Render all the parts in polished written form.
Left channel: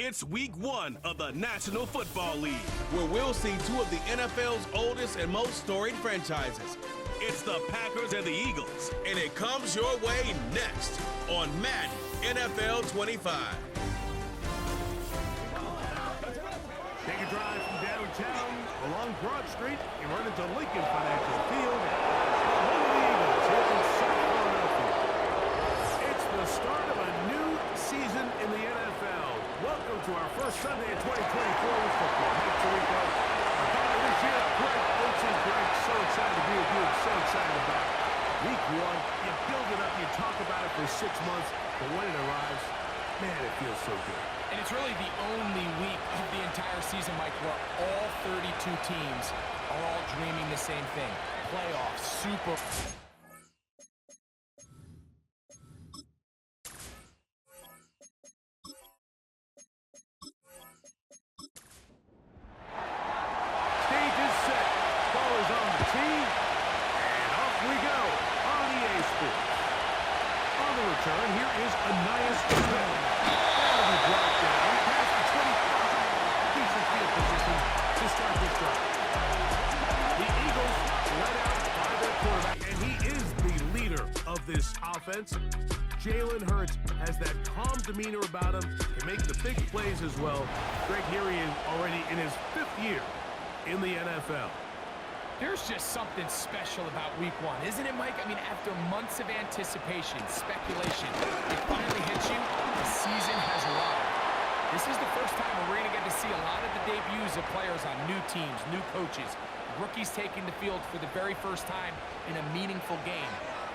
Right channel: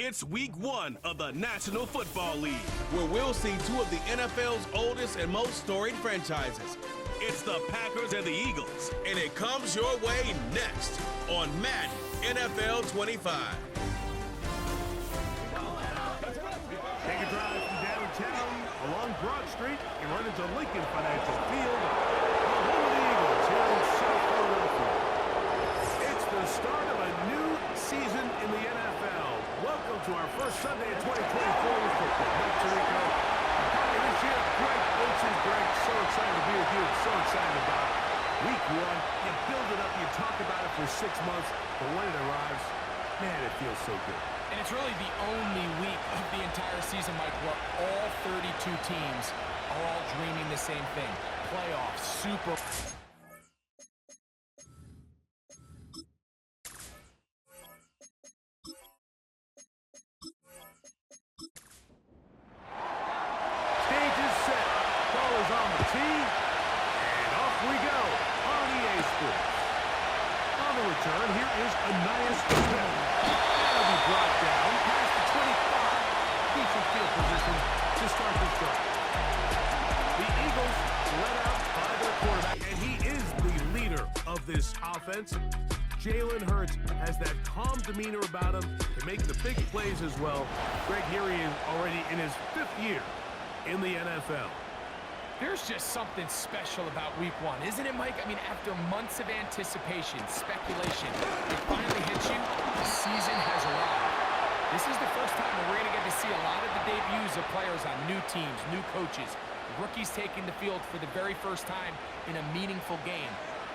It's week 1 of the National Football League, where we'll see two of the NFL's oldest and most storied franchises. It's the Packers and the Eagles. And it comes your way next on Madden NFL 25. Take a drive from downtown along Broad Street. You run into Lincoln Financial Field, the home of the Eagles here in South Philadelphia. It's the start of a new season in the NFL. Welcome to our first Sunday of 2024 with football. Mike Tirico, our partner this year, Greg Olsen. Greg, so excited to be with you. So excited about week 1. You build it up, you talk about it for 6 months, but when it arrives, man, it feels so good. And it's really the only week of the entire season, Mike, where all 32 teams are all dreaming the same thing. Playoffs, Super... Stage is set. Ball is on the tee. And off we go on EA Sports. On the return, here is Ainias Smith. That'll be brought down past the 25. Decent field position to start this drive. The Eagles led out by their quarterback, and he is the leader of this offense. Jalen Hurts has that calm demeanor about him, can make the big plays as well. Greg, here he is already in his 5th year in the NFL. There's just something special about week 1, isn't it, Mike? I mean, after months of anticipation, speculation, it finally hits you. The season has arrived. This is the first time where we're going to get to see a lot of the debuts of players on new teams, new coaches, rookies taking the field for the very first time in a meaningful game.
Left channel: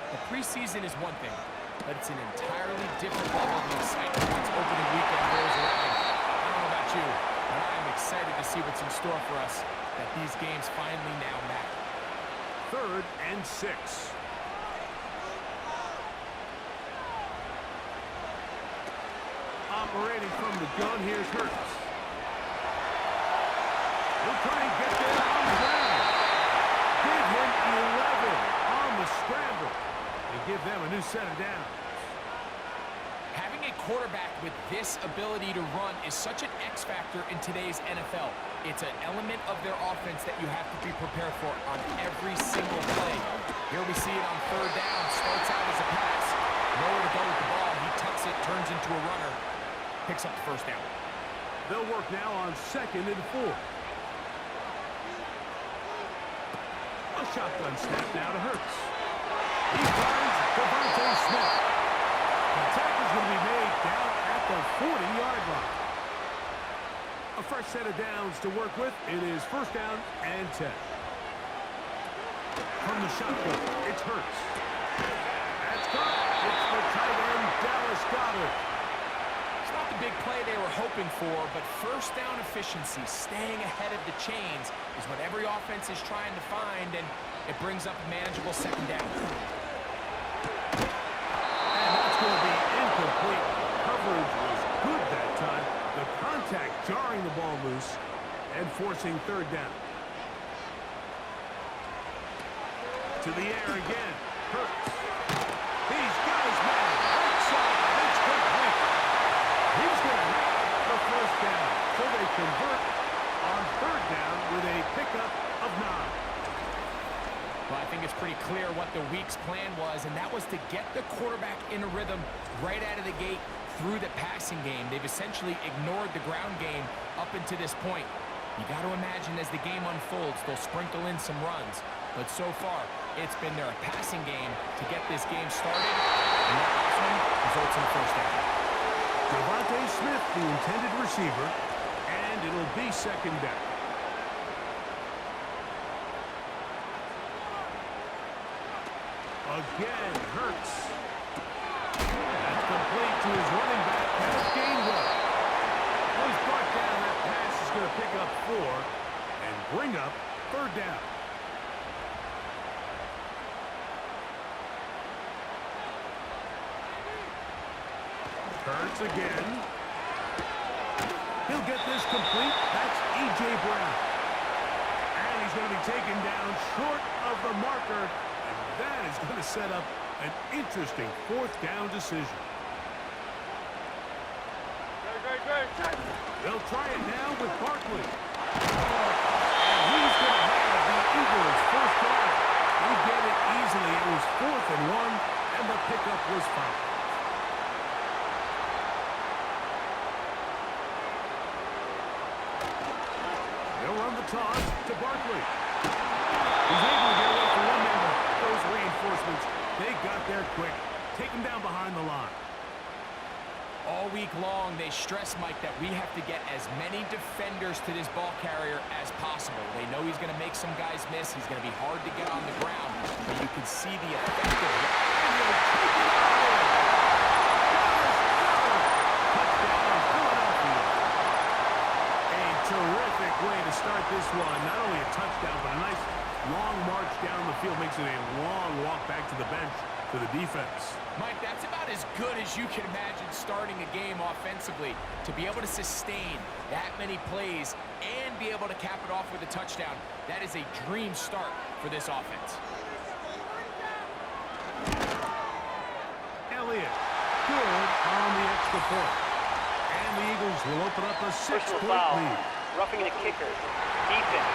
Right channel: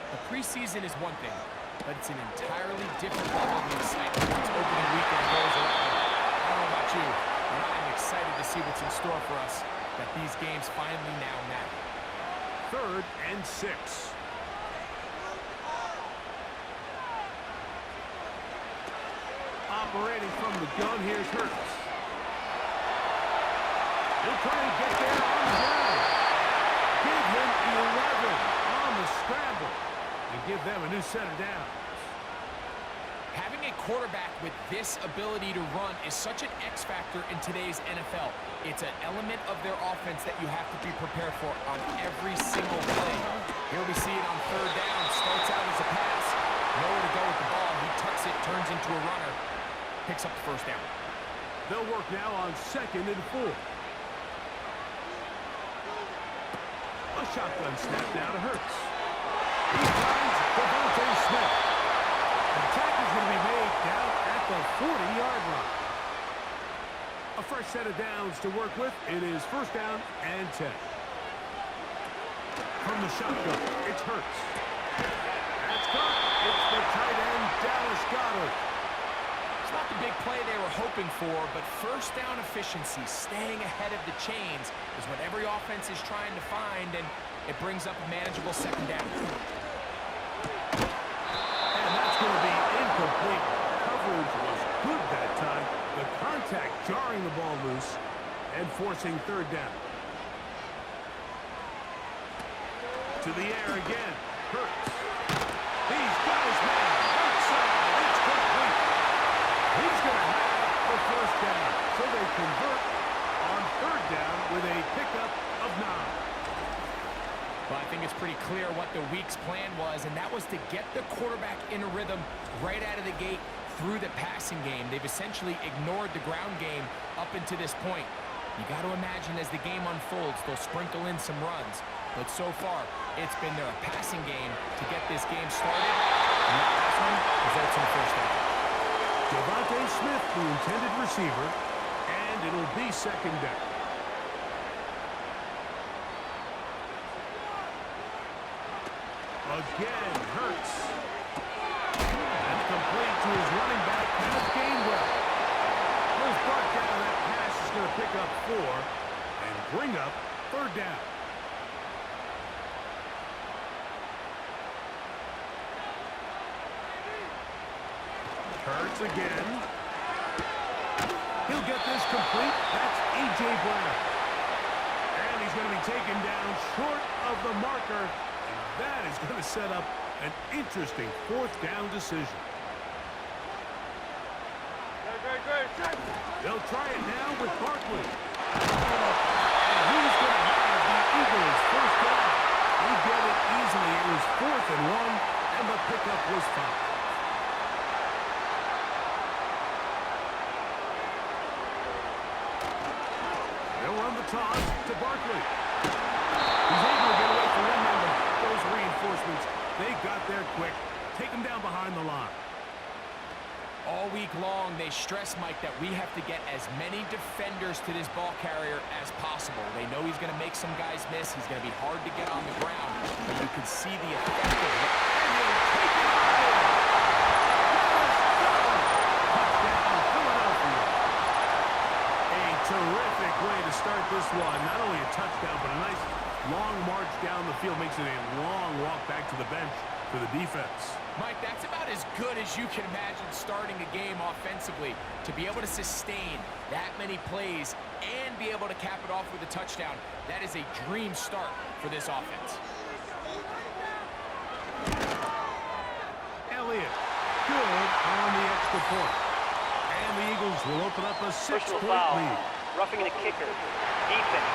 The preseason is one thing, but it's an entirely different level of excitement once opening weekend rolls around. I don't know about you, but I am excited to see what's in store for us, that these games finally now matter. 3rd and 6. Operating from the gun, here's Hurts. He'll try and get there on the ground. Give him 11 on the scramble and give them a new set of downs. Having a quarterback with this ability to run is such an X factor in today's NFL. It's an element of their offense that you have to be prepared for on every single play. Here we see it on 3rd down. Starts out as a pass. Nowhere to go with the ball. He tucks it, turns into a runner. Picks up the 1st down. They'll work now on 2nd and 4. A shotgun snap now to Hurts. He finds Devontae Smith. The attack is going to be made down at the 40-yard line. A fresh set of downs to work with. It is 1st down and 10. From the shotgun, it's Hurts. That's caught. It's the tight end, Dallas Goedert. It's not the big play they were hoping for, but 1st down efficiency, staying ahead of the chains, is what every offense is trying to find, and it brings up a manageable 2nd down. And that's going to be incomplete. Coverage was good that time. The contact jarring the ball loose and forcing 3rd down. To the air again. Hurts. He's got his man. Right side. It's complete. He's going to have the 1st down. So they convert on 3rd down with a pickup of 9. Well, I think it's pretty clear what the week's plan was, and that was to get the quarterback in a rhythm right out of the gate through the passing game. They've essentially ignored the ground game up until this point. You got to imagine as the game unfolds, they'll sprinkle in some runs. But so far, it's been their passing game to get this game started, and that last one results in a 1st down. Devontae Smith, the intended receiver, and it'll be 2nd down. Again, Hurts. That's complete to his running back, Kenneth Gainwell. Well, he's brought down. That pass is going to pick up 4 and bring up 3rd down. Hurts again. He'll get this complete. That's A.J. Brown. And he's going to be taken down short of the marker. And that is going to set up an interesting 4th down decision. They'll try it now with Barkley. And he's going to have the Eagles first down. They get it easily. It was 4th and 1, and the pickup was fouled. They'll run the toss to Barkley. He's able to get away from one member. Those reinforcements, they got there quick. Take him down behind the line. All week long, they stress, Mike, that we have to get as many defenders to this ball carrier as possible. They know he's going to make some guys miss. He's going to be hard to get on the ground, but you can see the effect of it. And he'll take it on in. Touchdown, Philadelphia. A terrific way to start this one. Not only a touchdown, but a nice long march down the field. Makes it a long walk back to the bench for the defense. Mike, that's about as good as you can imagine starting a game offensively. To be able to sustain that many plays and be able to cap it off with a touchdown, that is a dream start for this offense. Elliott, good on the extra point. And the Eagles will open up a 6-point lead. Roughing the kicker. Defense.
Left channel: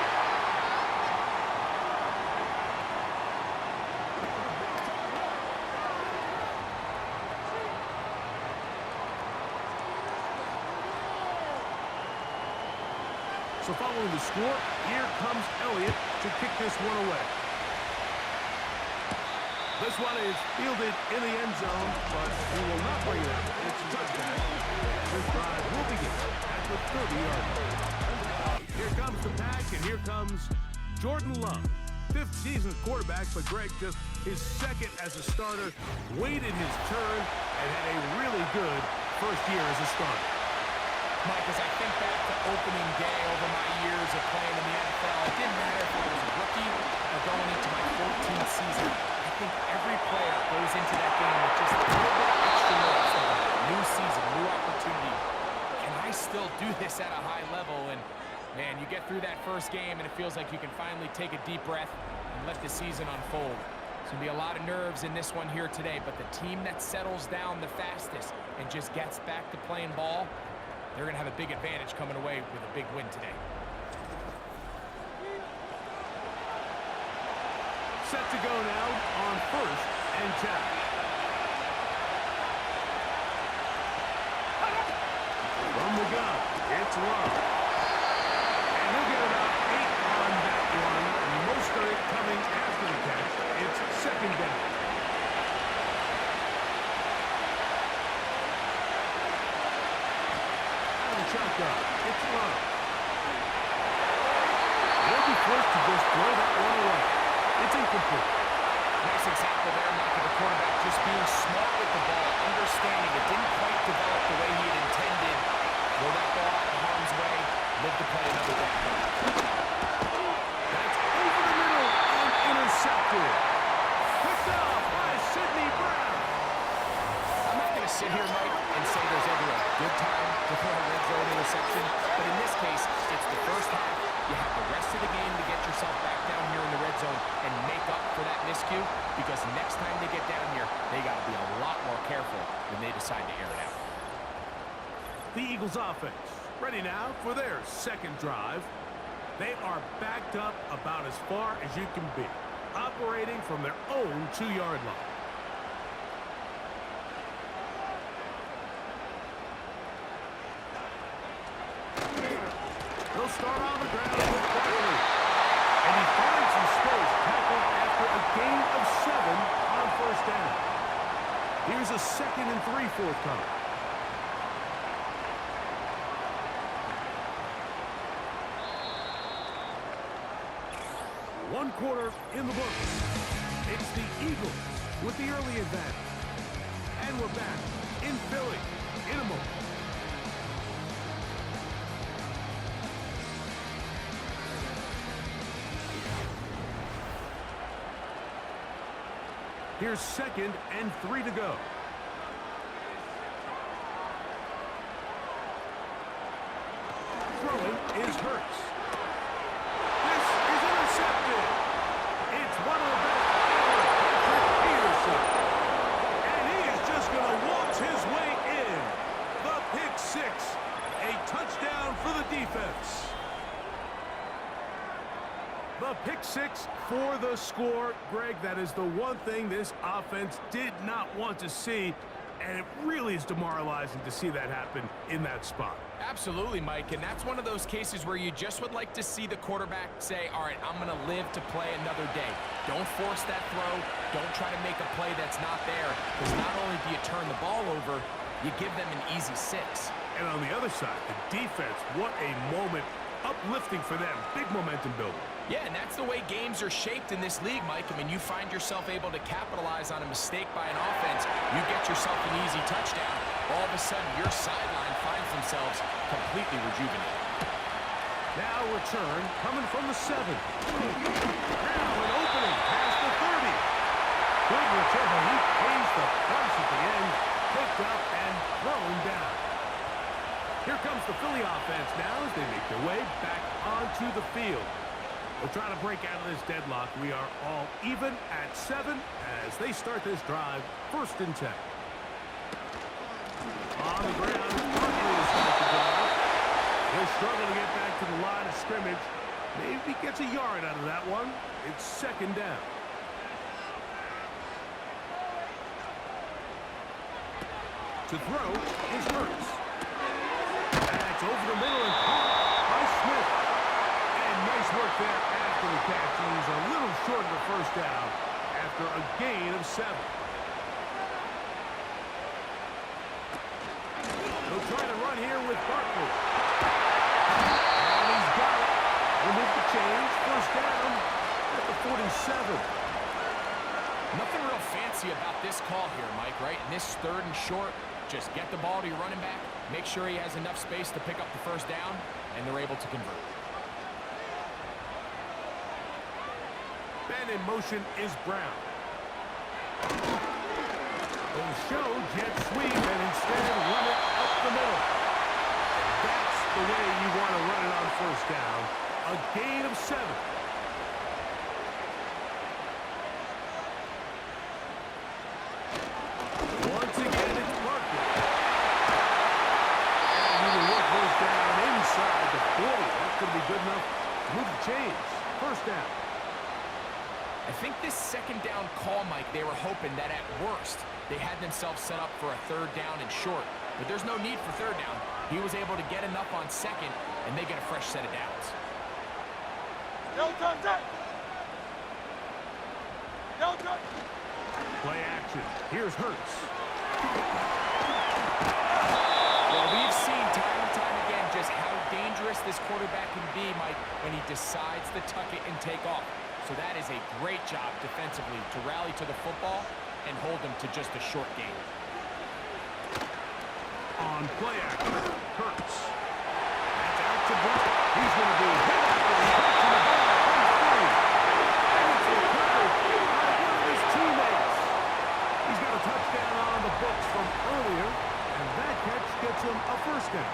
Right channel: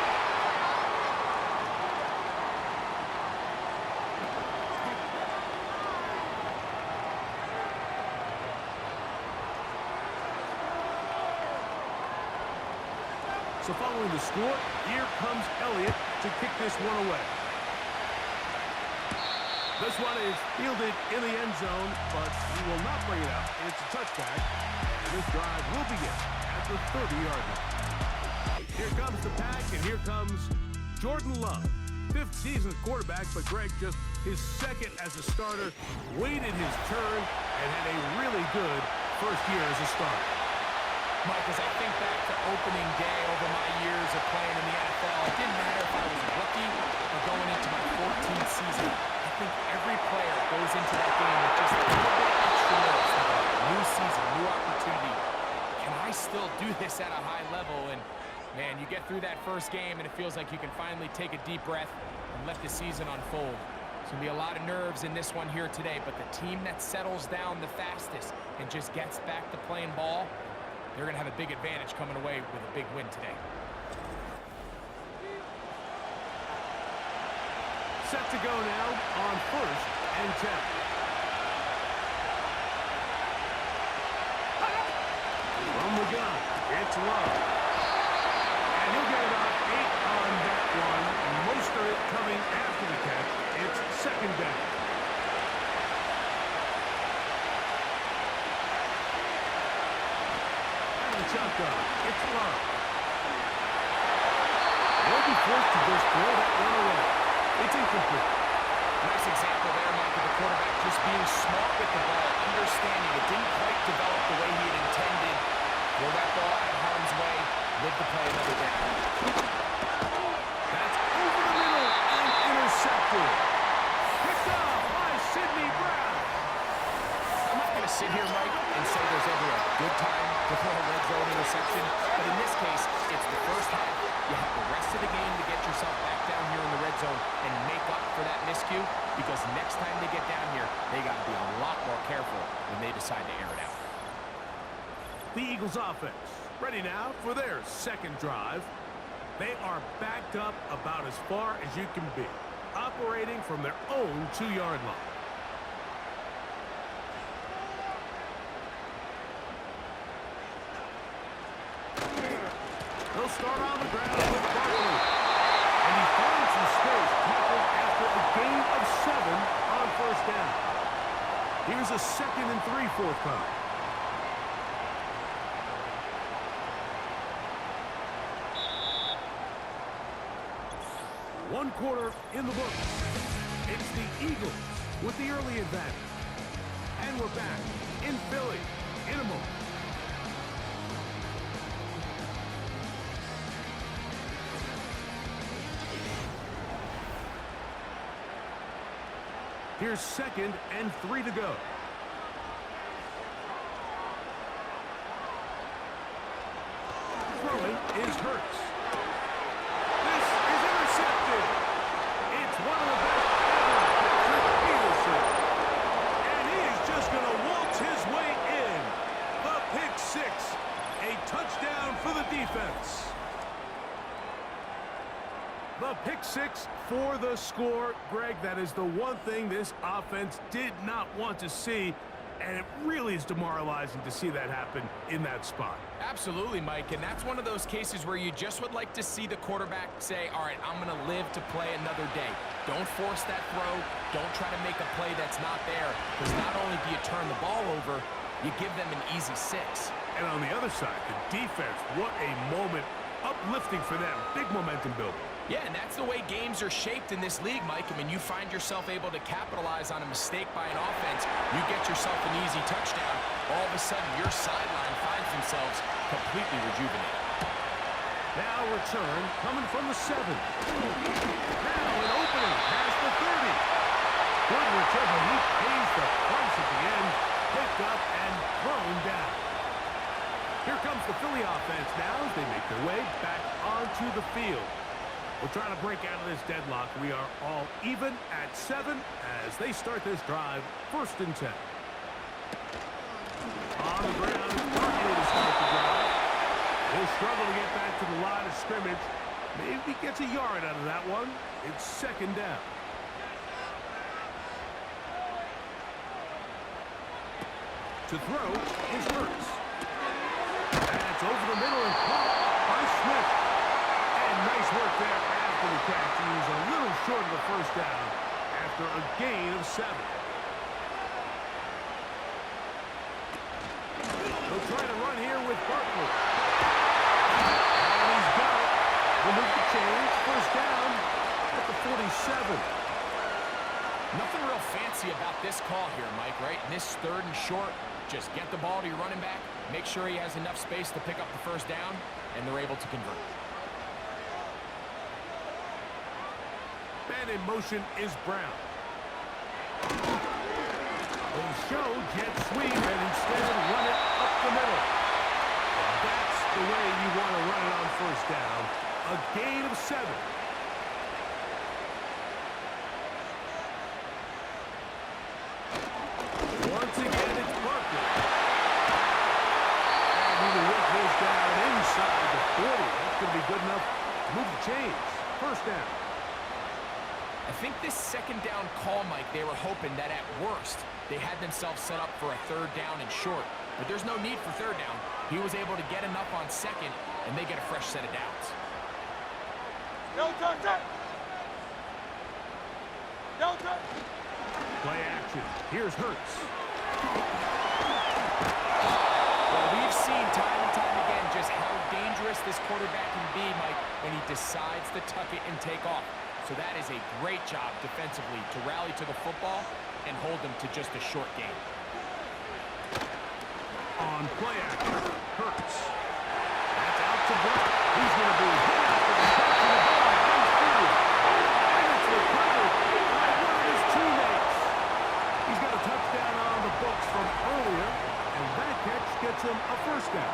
So following the score, here comes Elliott to kick this one away. This one is fielded in the end zone, but he will not bring it up. It's a touchback, and this drive will begin at the 30-yard line. Here comes the pack, and here comes Jordan Love. 5th season quarterback, but Greg just his 2nd as a starter, waited his turn, and had a really good first year as a starter. Mike, as I think back to opening day over my years of playing in the NFL, it didn't matter if I was a rookie or going into my 14th season. I think every player goes into that game with just a little bit of extra nerves. New season, new opportunity. Can I still do this at a high level? And, man, you get through that first game, and it feels like you can finally take a deep breath and let the season unfold. There's going to be a lot of nerves in this one here today, but the team that settles down the fastest and just gets back to playing ball, they're going to have a big advantage coming away with a big win today. Set to go now on 1st and 10. From the gun, it's Love. And he'll get about 8 on that one. Most of it coming after the catch. It's 2nd down. Shotgun. It's Love. He'll be forced to just throw that one away. It's incomplete. Nice example there, Mike, of the quarterback just being smart with the ball, understanding it didn't quite develop the way he had intended. Throw that ball out of harm's way, live to play another down. That's over the middle and intercepted. Picked off by Sidney Brown. I'm not going to sit here, Mike, and say there's ever a good time to throw a red zone interception, but in this case, it's the first half. You have the rest of the game to get yourself back down here in the red zone and make up for that miscue, because next time they get down here, they got to be a lot more careful when they decide to air it out. The Eagles offense ready now for their 2nd drive. They are backed up about as far as you can be, operating from their own 2-yard line. They'll start on the ground with Barkley. And he finds some space, tackled after a gain of 7 on 1st down. Here's a 2nd and 3 forthcoming. One quarter in the books. It's the Eagles with the early advantage. And we're back in Philly in a moment. Here's 2nd and 3 to go. Throwing is Hurts. This is intercepted. It's one of the best ever, Patrick Peterson. And he is just going to waltz his way in. The pick 6. touchdown for the defense. The pick six for the score. Greg, that is the one thing this offense did not want to see, and it really is demoralizing to see that happen in that spot. Absolutely, Mike, and that's one of those cases where you just would like to see the quarterback say, all right, I'm going to live to play another day. Don't force that throw. Don't try to make a play that's not there, because not only do you turn the ball over, you give them an easy 6. And on the other side, the defense, what a moment. Uplifting for them. Big momentum building. Yeah, and that's the way games are shaped in this league, Mike. I mean, you find yourself able to capitalize on a mistake by an offense. You get yourself an easy touchdown. All of a sudden, your sideline finds themselves completely rejuvenated. Now return coming from the 7. Now an opening past the 30. Good return, but he pays the price at the end. Picked up and thrown down. Here comes the Philly offense now as they make their way back onto the field. We'll try to break out of this deadlock. We are all even at 7 as they start this drive. 1st and 10. On the ground, Barkley to start the drive. He'll struggle to get back to the line of scrimmage. Maybe gets a yard out of that one. It's 2nd down. To throw is Hurts. That's over the middle and caught by Smith. And nice work there after the catch. He's a little short of the 1st down after a gain of 7. He'll try to run here with Barkley. And he's got it. Remove the change. 1st down at the 47. Nothing real fancy about this call here, Mike, right? In this 3rd and short, just get the ball to your running back, make sure he has enough space to pick up the 1st down, and they're able to convert. Man in motion is Brown. They'll show jet sweep and instead run it up the middle. And that's the way you want to run it on 1st down. A gain of 7. Once again, it's Barkley. And he will work this down inside the 40. That's going to be good enough to move the chains. 1st down. I think this 2nd down call, Mike, they were hoping that at worst they had themselves set up for a 3rd down and short. But there's no need for 3rd down. He was able to get enough on 2nd, and they get a fresh set of downs. Play action. Here's Hurts. Well, we've seen time and time again just how dangerous this quarterback can be, Mike, when he decides to tuck it and take off. So that is a great job defensively to rally to the football and hold them to just a short game. On play action, Hurts. That's out to Brown. He's going to be hit after the catch, and the ball comes free. And it's recovered by one of his teammates. He's got a touchdown on the books from earlier, and that catch gets him a 1st down.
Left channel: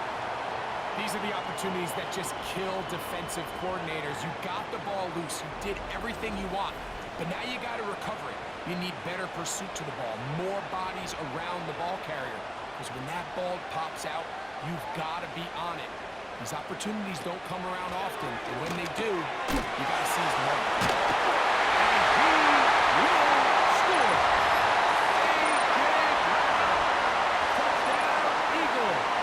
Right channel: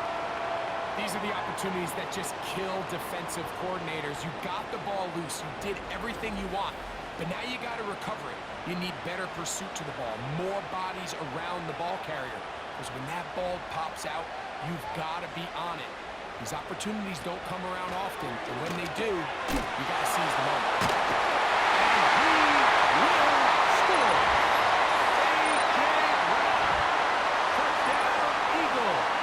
These are the opportunities that just kill defensive coordinators. You got the ball loose. You did everything you want. But now you got to recover it. You need better pursuit to the ball, more bodies around the ball carrier. Because when that ball pops out, you've got to be on it. These opportunities don't come around often. And when they do, you got to seize the moment. And he will score. A.J. Brown. Touchdown, Eagles.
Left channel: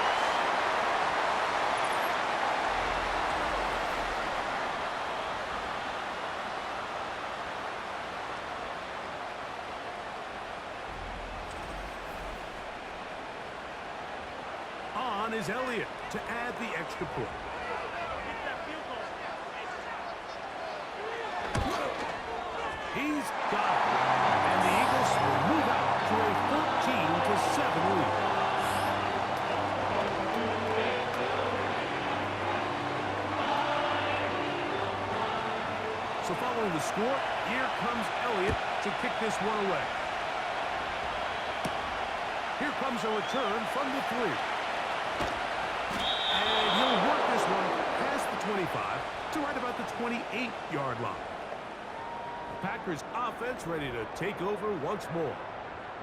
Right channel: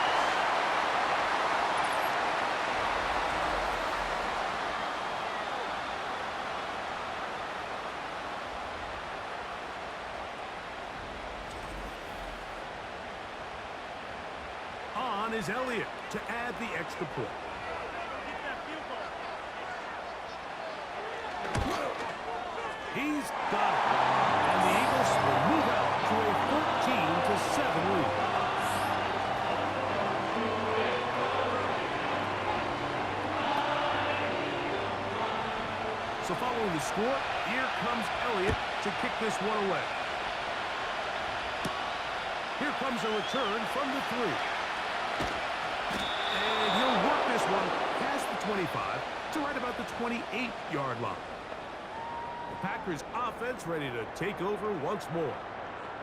On is Elliott to add the extra point. He's got it. And the Eagles will move out to a 14-7 lead. So following the score, here comes Elliott to kick this one away. Here comes a return from the 3. And he'll work this one past the 25 to right about the 28-yard line. The Packers offense ready to take over once more.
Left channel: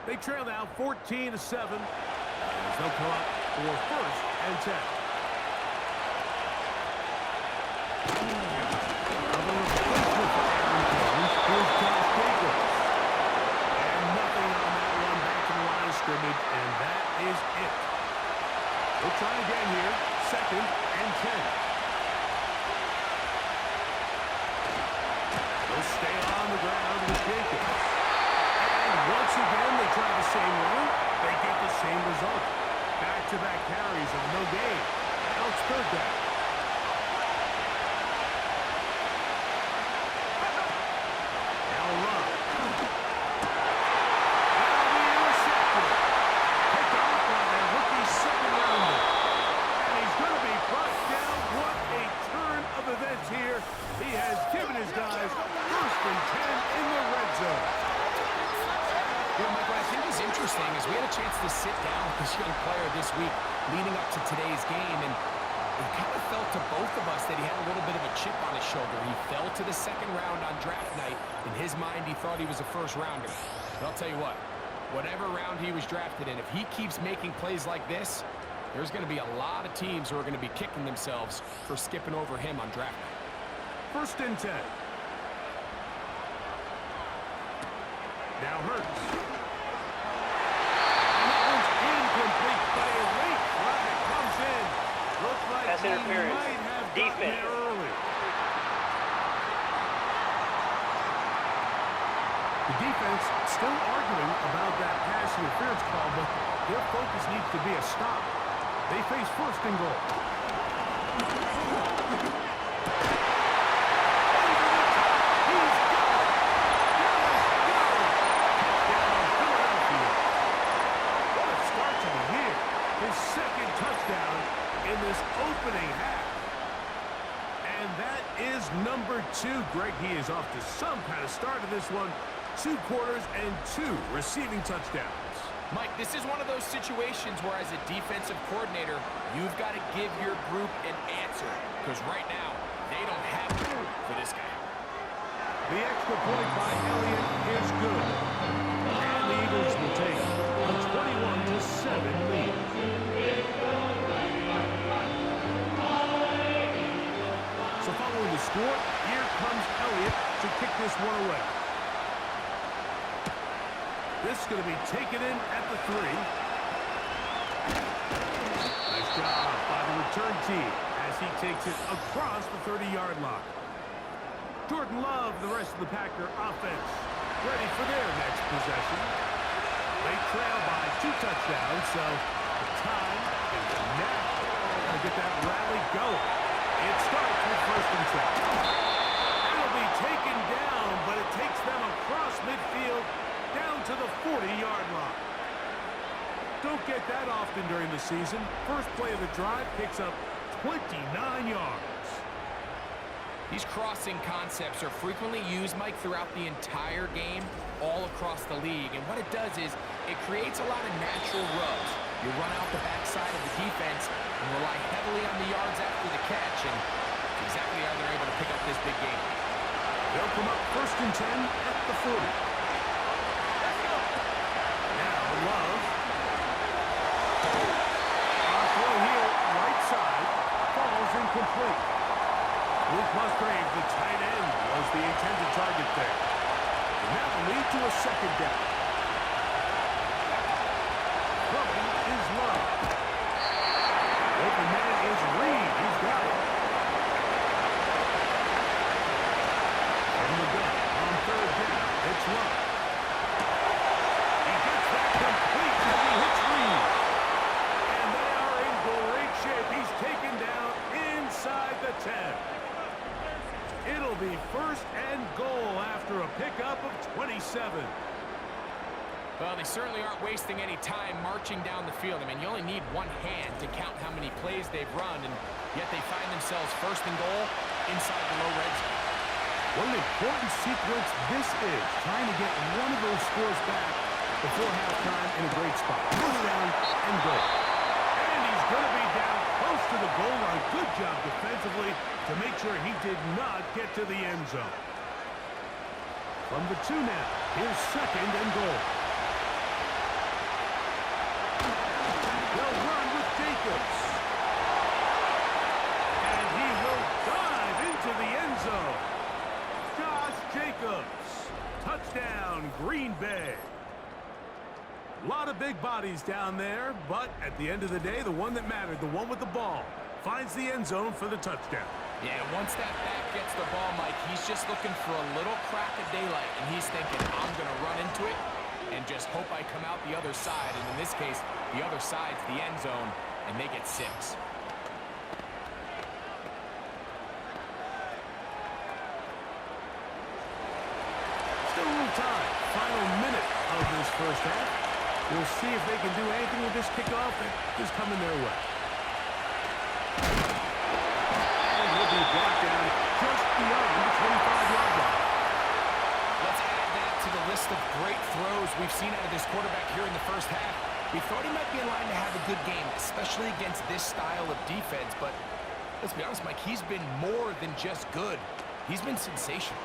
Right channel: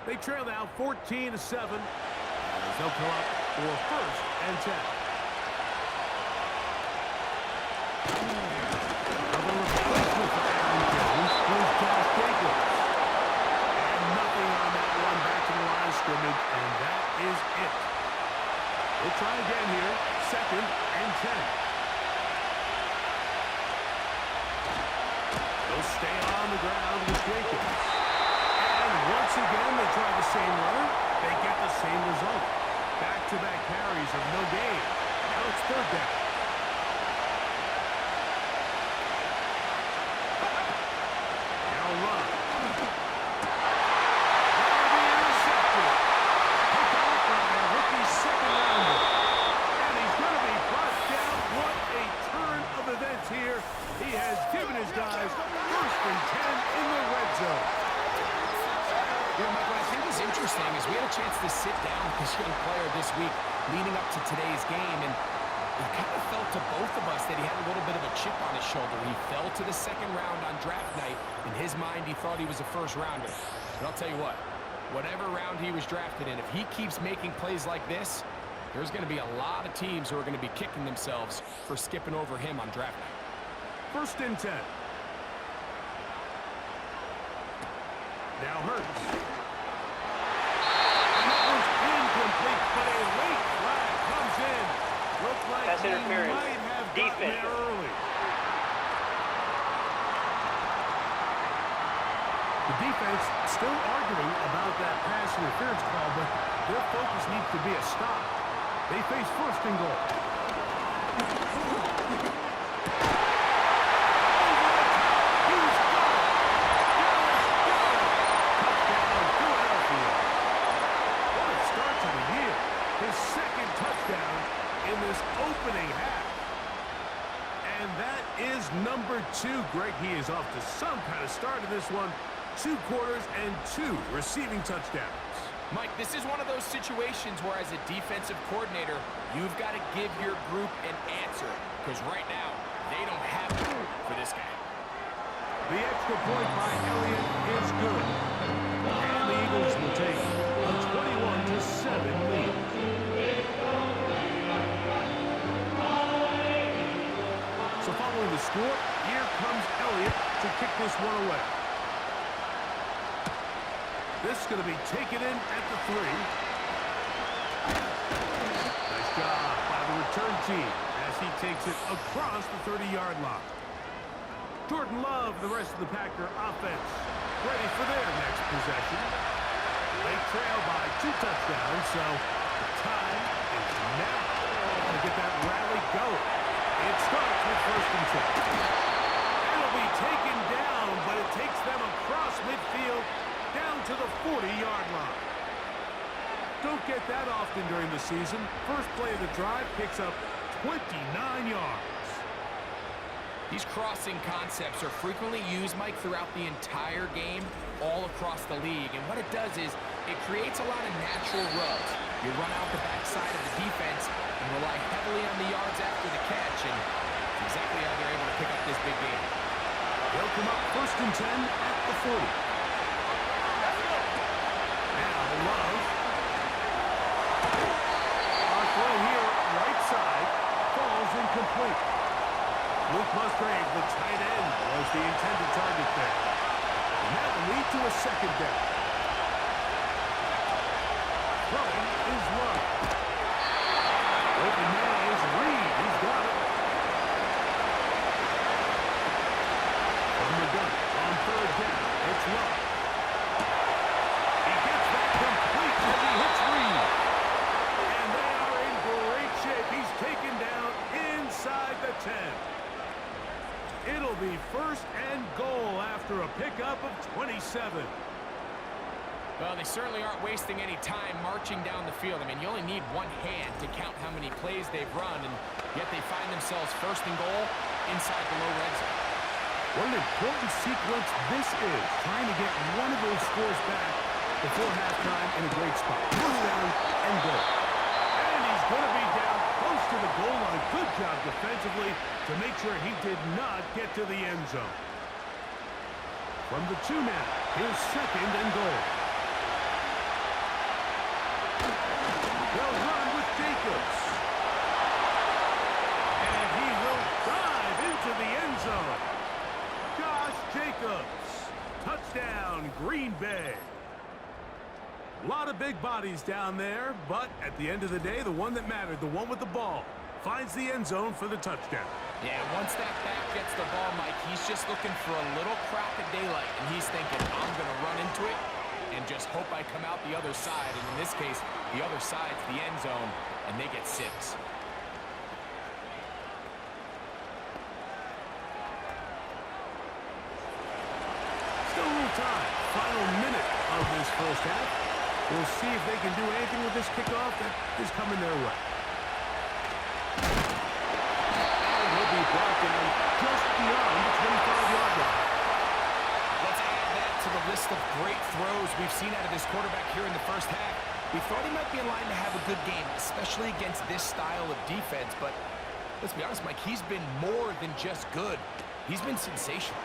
They trail now 14-7 as they'll come up for 1st and 10. Now the replacement for Aaron Jones is Josh Jacobs. And nothing on that one. Back to the line of scrimmage, and that is it. We'll try again here. 2nd and 10. They'll stay on the ground with Jacobs. And once again, they try the same runner. They get the same result. Back-to-back carries of no gain. Now it's 3rd down. Now Love. That'll be intercepted. Picked off by their rookie 2nd rounder. And he's going to be brought down. What a turn of events here. He has given his guys 1st and 10 in the red zone. You know, Mike, what I think is interesting is we had a chance to sit down with this young player this week leading up to today's game, and it kind of felt to both of us that he had a little bit of a chip on his shoulder. He fell to the 2nd round on draft night. In his mind, he thought he was a 1st rounder. But I'll tell you what, whatever round he was drafted in, if he keeps making plays like this, there's going to be a lot of teams who are going to be kicking themselves for skipping over him on draft night. 1st and 10. Now Hurts. And that one's incomplete, but a late flag comes in. Looks like Pass he interference. might have gotten Defense. there early. The defense still arguing about that pass interference call, but their focus needs to be a stop. They face 1st and goal. His 2nd touchdown in this opening half. And that is number 2. Greg, he is off to some kind of start in this one. 2 quarters and 2 receiving touchdowns. Mike, this is one of those situations where as a defensive coordinator, you've got to give your group an answer. Because right now, they don't have it for this guy. The extra point by Elliott is good. And the Eagles will take a 21-7 lead. So following the score, here comes Elliott to kick this one away. This is going to be taken in at the 3. Nice job by the return team as he takes it across the 30-yard line. Jordan Love, the rest of the Packer offense, ready for their next possession. They trail by 2 touchdowns, so the time is now to get that rally going. It starts with 1st and 10. It'll be taken down, but it takes them across midfield down to the 40-yard line. Don't get that often during the season. First play of the drive picks up 29 yards. These crossing concepts are frequently used, Mike, throughout the entire game, all across the league. And what it does is it creates a lot of natural rubs. You run out the backside of the defense and rely heavily on the yards after the catch, and it's exactly how they're able to pick up this big game. They'll come up 1st and 10 at the 40. Let's go. Now Love. Our throw here, right side, falls incomplete. Luke Musgrave, the tight end, was the intended target there. And that will lead to a 2nd down. Throwing is Love. Open man is Reed. He's got it. From the gun on 3rd down, it's Love. He gets that complete as he hits Reed. And they are in great shape. He's taken down inside the 10. It'll be 1st and goal after a pickup of 27. Well, they certainly aren't wasting any time marching down the field. I mean, you only need one hand to count how many plays they've run, and yet they find themselves 1st and goal inside the low red zone. What an important sequence this is, trying to get one of those scores back before halftime in a great spot. 1st down and goal. And he's going to be down close to the goal line. Good job defensively to make sure he did not get to the end zone. From the 2 now, here's 2nd and goal. They'll run with Jacobs. And he will dive into in Green Bay. A lot of big bodies down there, but at the end of the day, the one that mattered, the one with the ball, finds the end zone for the touchdown. Yeah, once that back gets the ball, Mike, he's just looking for a little crack of daylight, and he's thinking, I'm going to run into it and just hope I come out the other side. And in this case, the other side's the end zone, and they get 6. Still a little time. Final minute of this first half. We'll see if they can do anything with this kickoff that is coming their way. And he'll be brought down just beyond the 25-yard line. Let's add that to the list of great throws we've seen out of this quarterback here in the first half. We thought he might be in line to have a good game, especially against this style of defense. But let's be honest, Mike, he's been more than just good. He's been sensational.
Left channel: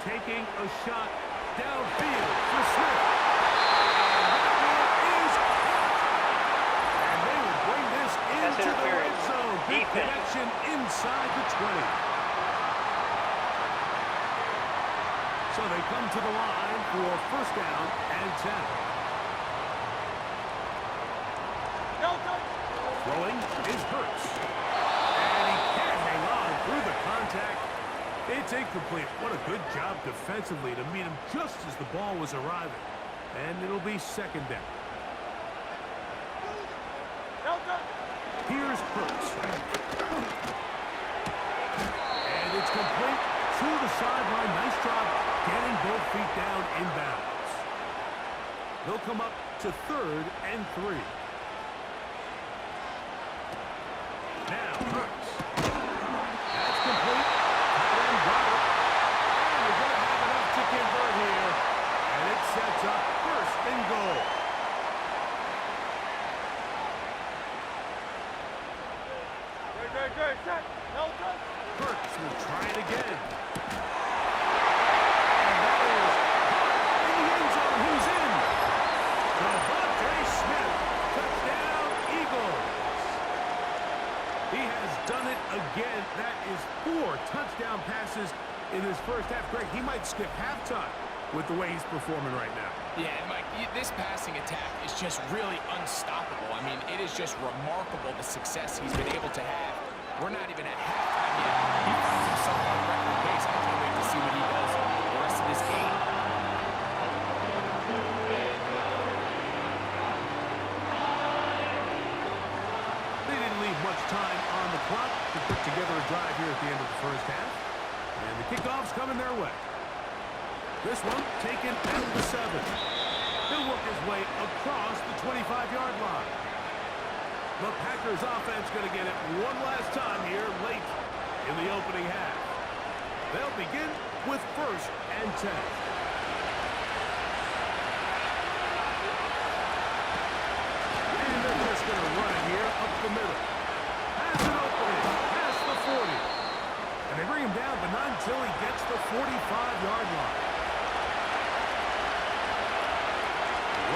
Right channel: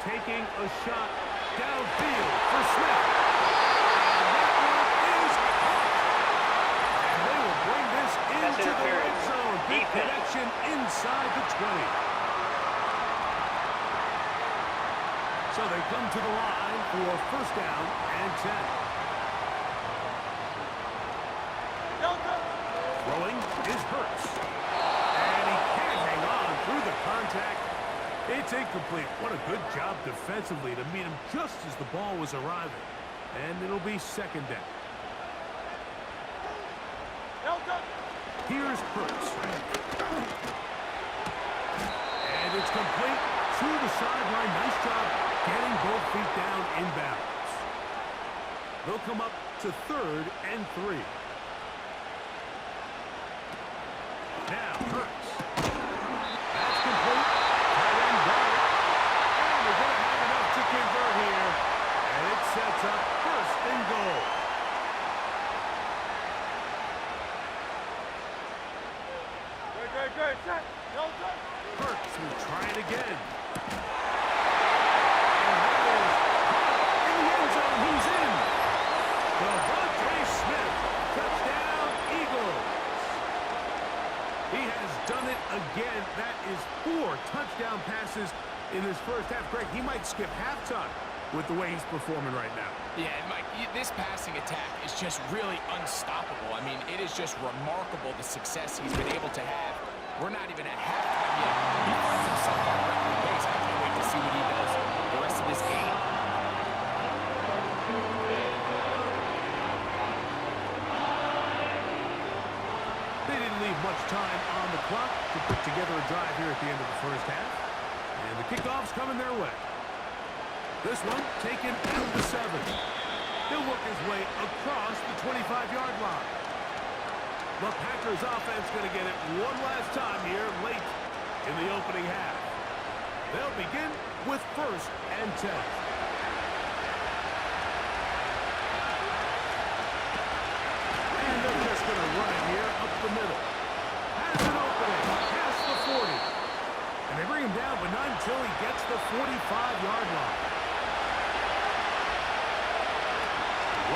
Taking a shot downfield for Smith. And that one is caught. And they will bring this into the red zone. Big connection inside the 20. So they come to the line for first down and 10. Throwing is Hurts. And he can't hang on through the contact. It's incomplete. What a good job defensively to meet him just as the ball was arriving. And it'll be second down. Here's Hurts. And it's complete to the sideline. Nice job getting both feet down inbounds. They'll come up to 3rd and 3. Now Hurts. That's complete. Got it. And they're going to have enough to convert here. And it sets up 1st and goal. Hurts will try it again. And that is caught in the end zone. He's in. Devontae Smith. Touchdown, Eagles. He has done it again. That is 4 touchdown passes in this first half. Greg, he might skip halftime with the way he's performing right now. Yeah, Mike, this passing attack is just really unstoppable. I mean, it is just remarkable the success he's been able to have. We're not even at halftime yet. He finds himself on record pace. I can't wait to see what he does the rest of this game. They didn't leave much time on the clock to put together a drive here at the end of the first half. And the kickoff's coming their way. This one taken at the 7. He'll work his way across the 25-yard line. The Packers offense going to get it one last time here late in the opening half. They'll begin with 1st and 10. And they're just going to run it here up the middle. Has an opening past the 40. And they bring him down, but not until he gets the 45-yard line.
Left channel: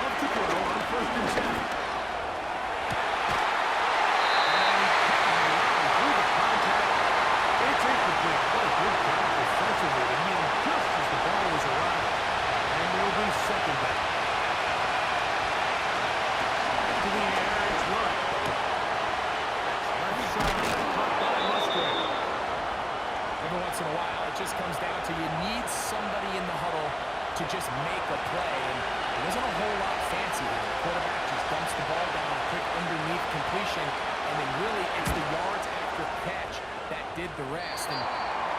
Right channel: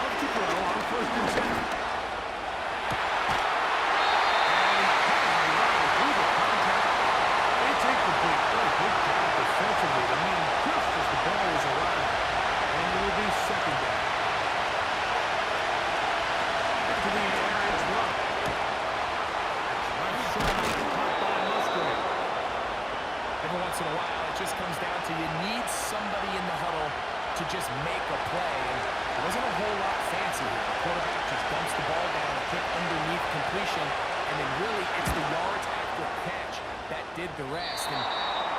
Love to throw on 1st and 10. It's incomplete. What a good job defensively to meet him just as the ball was arriving. And it'll be second down. To the air, it's run. That's left side, caught by Musgrave. Every once in a while, it just comes down to you need somebody in the huddle to just make a play. And it wasn't a whole lot fancy here. The quarterback just dumps the ball down, a quick underneath completion, and then really it's the yards after catch that did the rest. And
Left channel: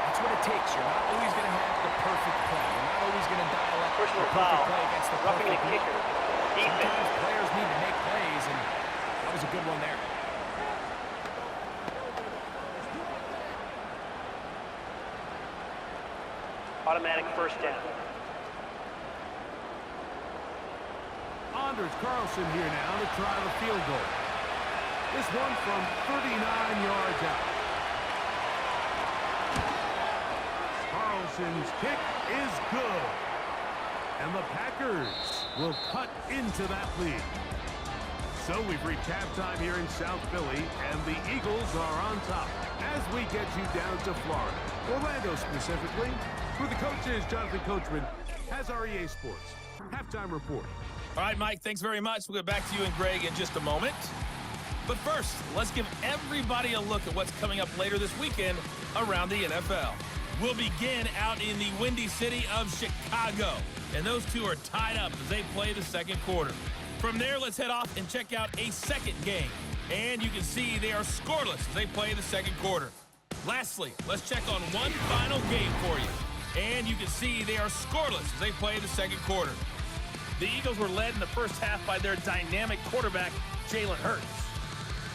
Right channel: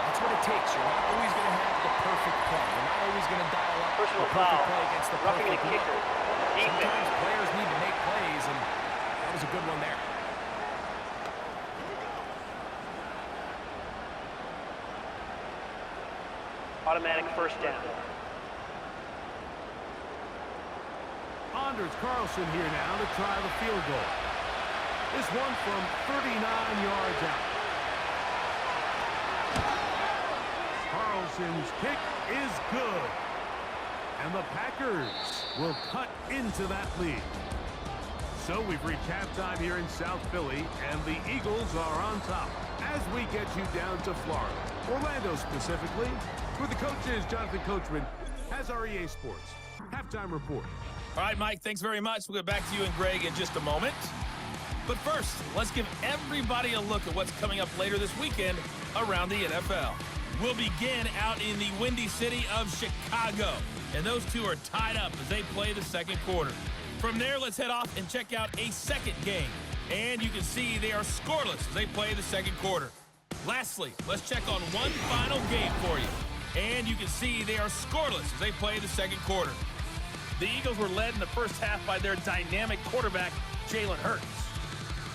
that's what it takes. You're not always going to have the perfect play. You're not always going to dial up Personal the perfect foul. play against the Roughing perfect the kicker. look. Defense. Sometimes players need to make plays, and that was a good one there. Automatic 1st down. Anders Carlson here now to try the field goal. This one from 39 yards out. Carlson's kick is good. And the Packers will cut into that lead. So we've reached halftime here in South Philly, and the Eagles are on top as we get you down to Florida. Orlando specifically, where the coach is Jonathan Coachman, has our EA Sports halftime report. All right, Mike, thanks very much. We'll get back to you and Greg in just a moment. But first, let's give everybody a look at what's coming up later this weekend around the NFL. We'll begin out in the Windy City of Chicago, and those two are tied up as they play the second quarter. From there, let's head off and check out a second game. And you can see they are scoreless as they play the second quarter. Lastly, let's check on one final game for you. And you can see they are scoreless as they play the second quarter. The Eagles were led in the first half by their dynamic quarterback, Jalen Hurts.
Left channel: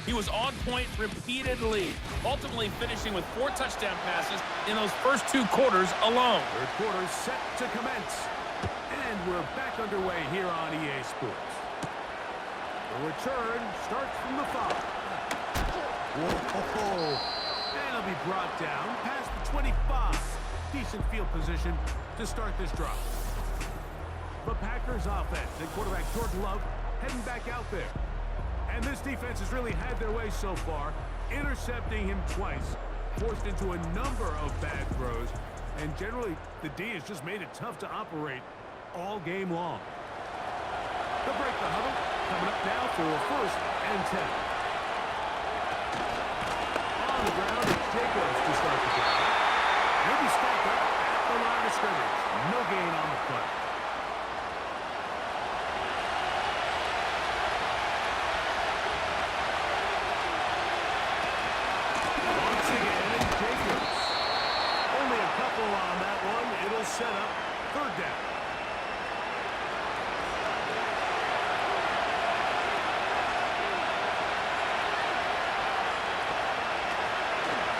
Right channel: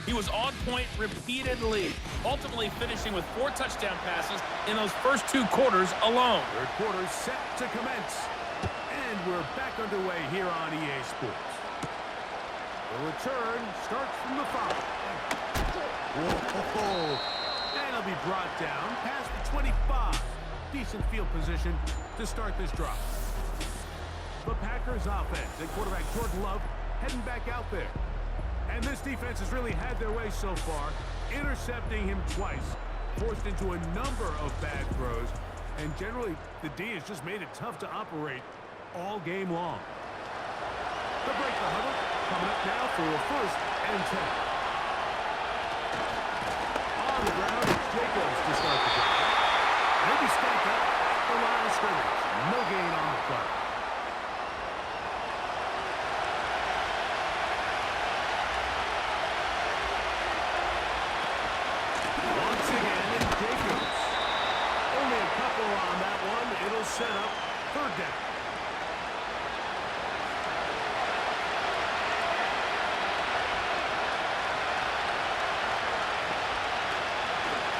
He was on point repeatedly, ultimately finishing with 4 touchdown passes in those first 2 quarters alone. Third quarter set to commence. And we're back underway here on EA Sports. The return starts from the 5. Whoa. And it'll be brought down past the 25. Decent field position to start this drive. The Packers offense and quarterback Jordan Love heading back out there. And this defense has really had their way so far, intercepting him twice, forced into a number of bad throws, and generally the D has just made it tough to operate all game long. They'll break the huddle, coming up now for a 1st and 10. On the ground, it's Jacobs to start the drive. He'll be stacked up at the line of scrimmage. No gain on the play. Once again, it's Jacobs. Only a couple on that one. It'll set up 3rd down.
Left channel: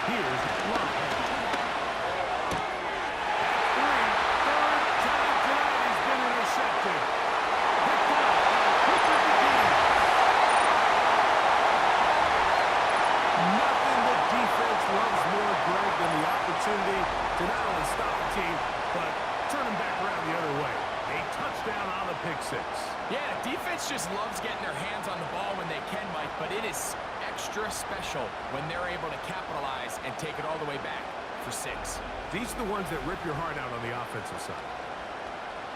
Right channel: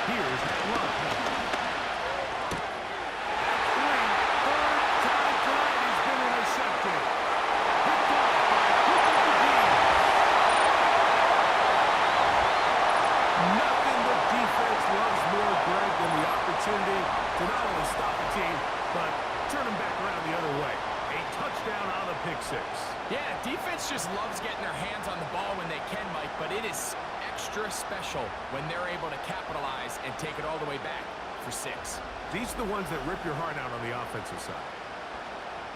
Here's Love. That's 3. 3rd time tonight he's been intercepted. Picked off by Cooper DeJean. Nothing the defense loves more, Greg, than the opportunity to not only stop the team, but turn them back around the other way. A touchdown on the pick 6. Yeah, defense just loves getting their hands on the ball when they can, Mike, but it is extra special when they're able to capitalize and take it all the way back for 6. These are the ones that rip your heart out on the offensive side.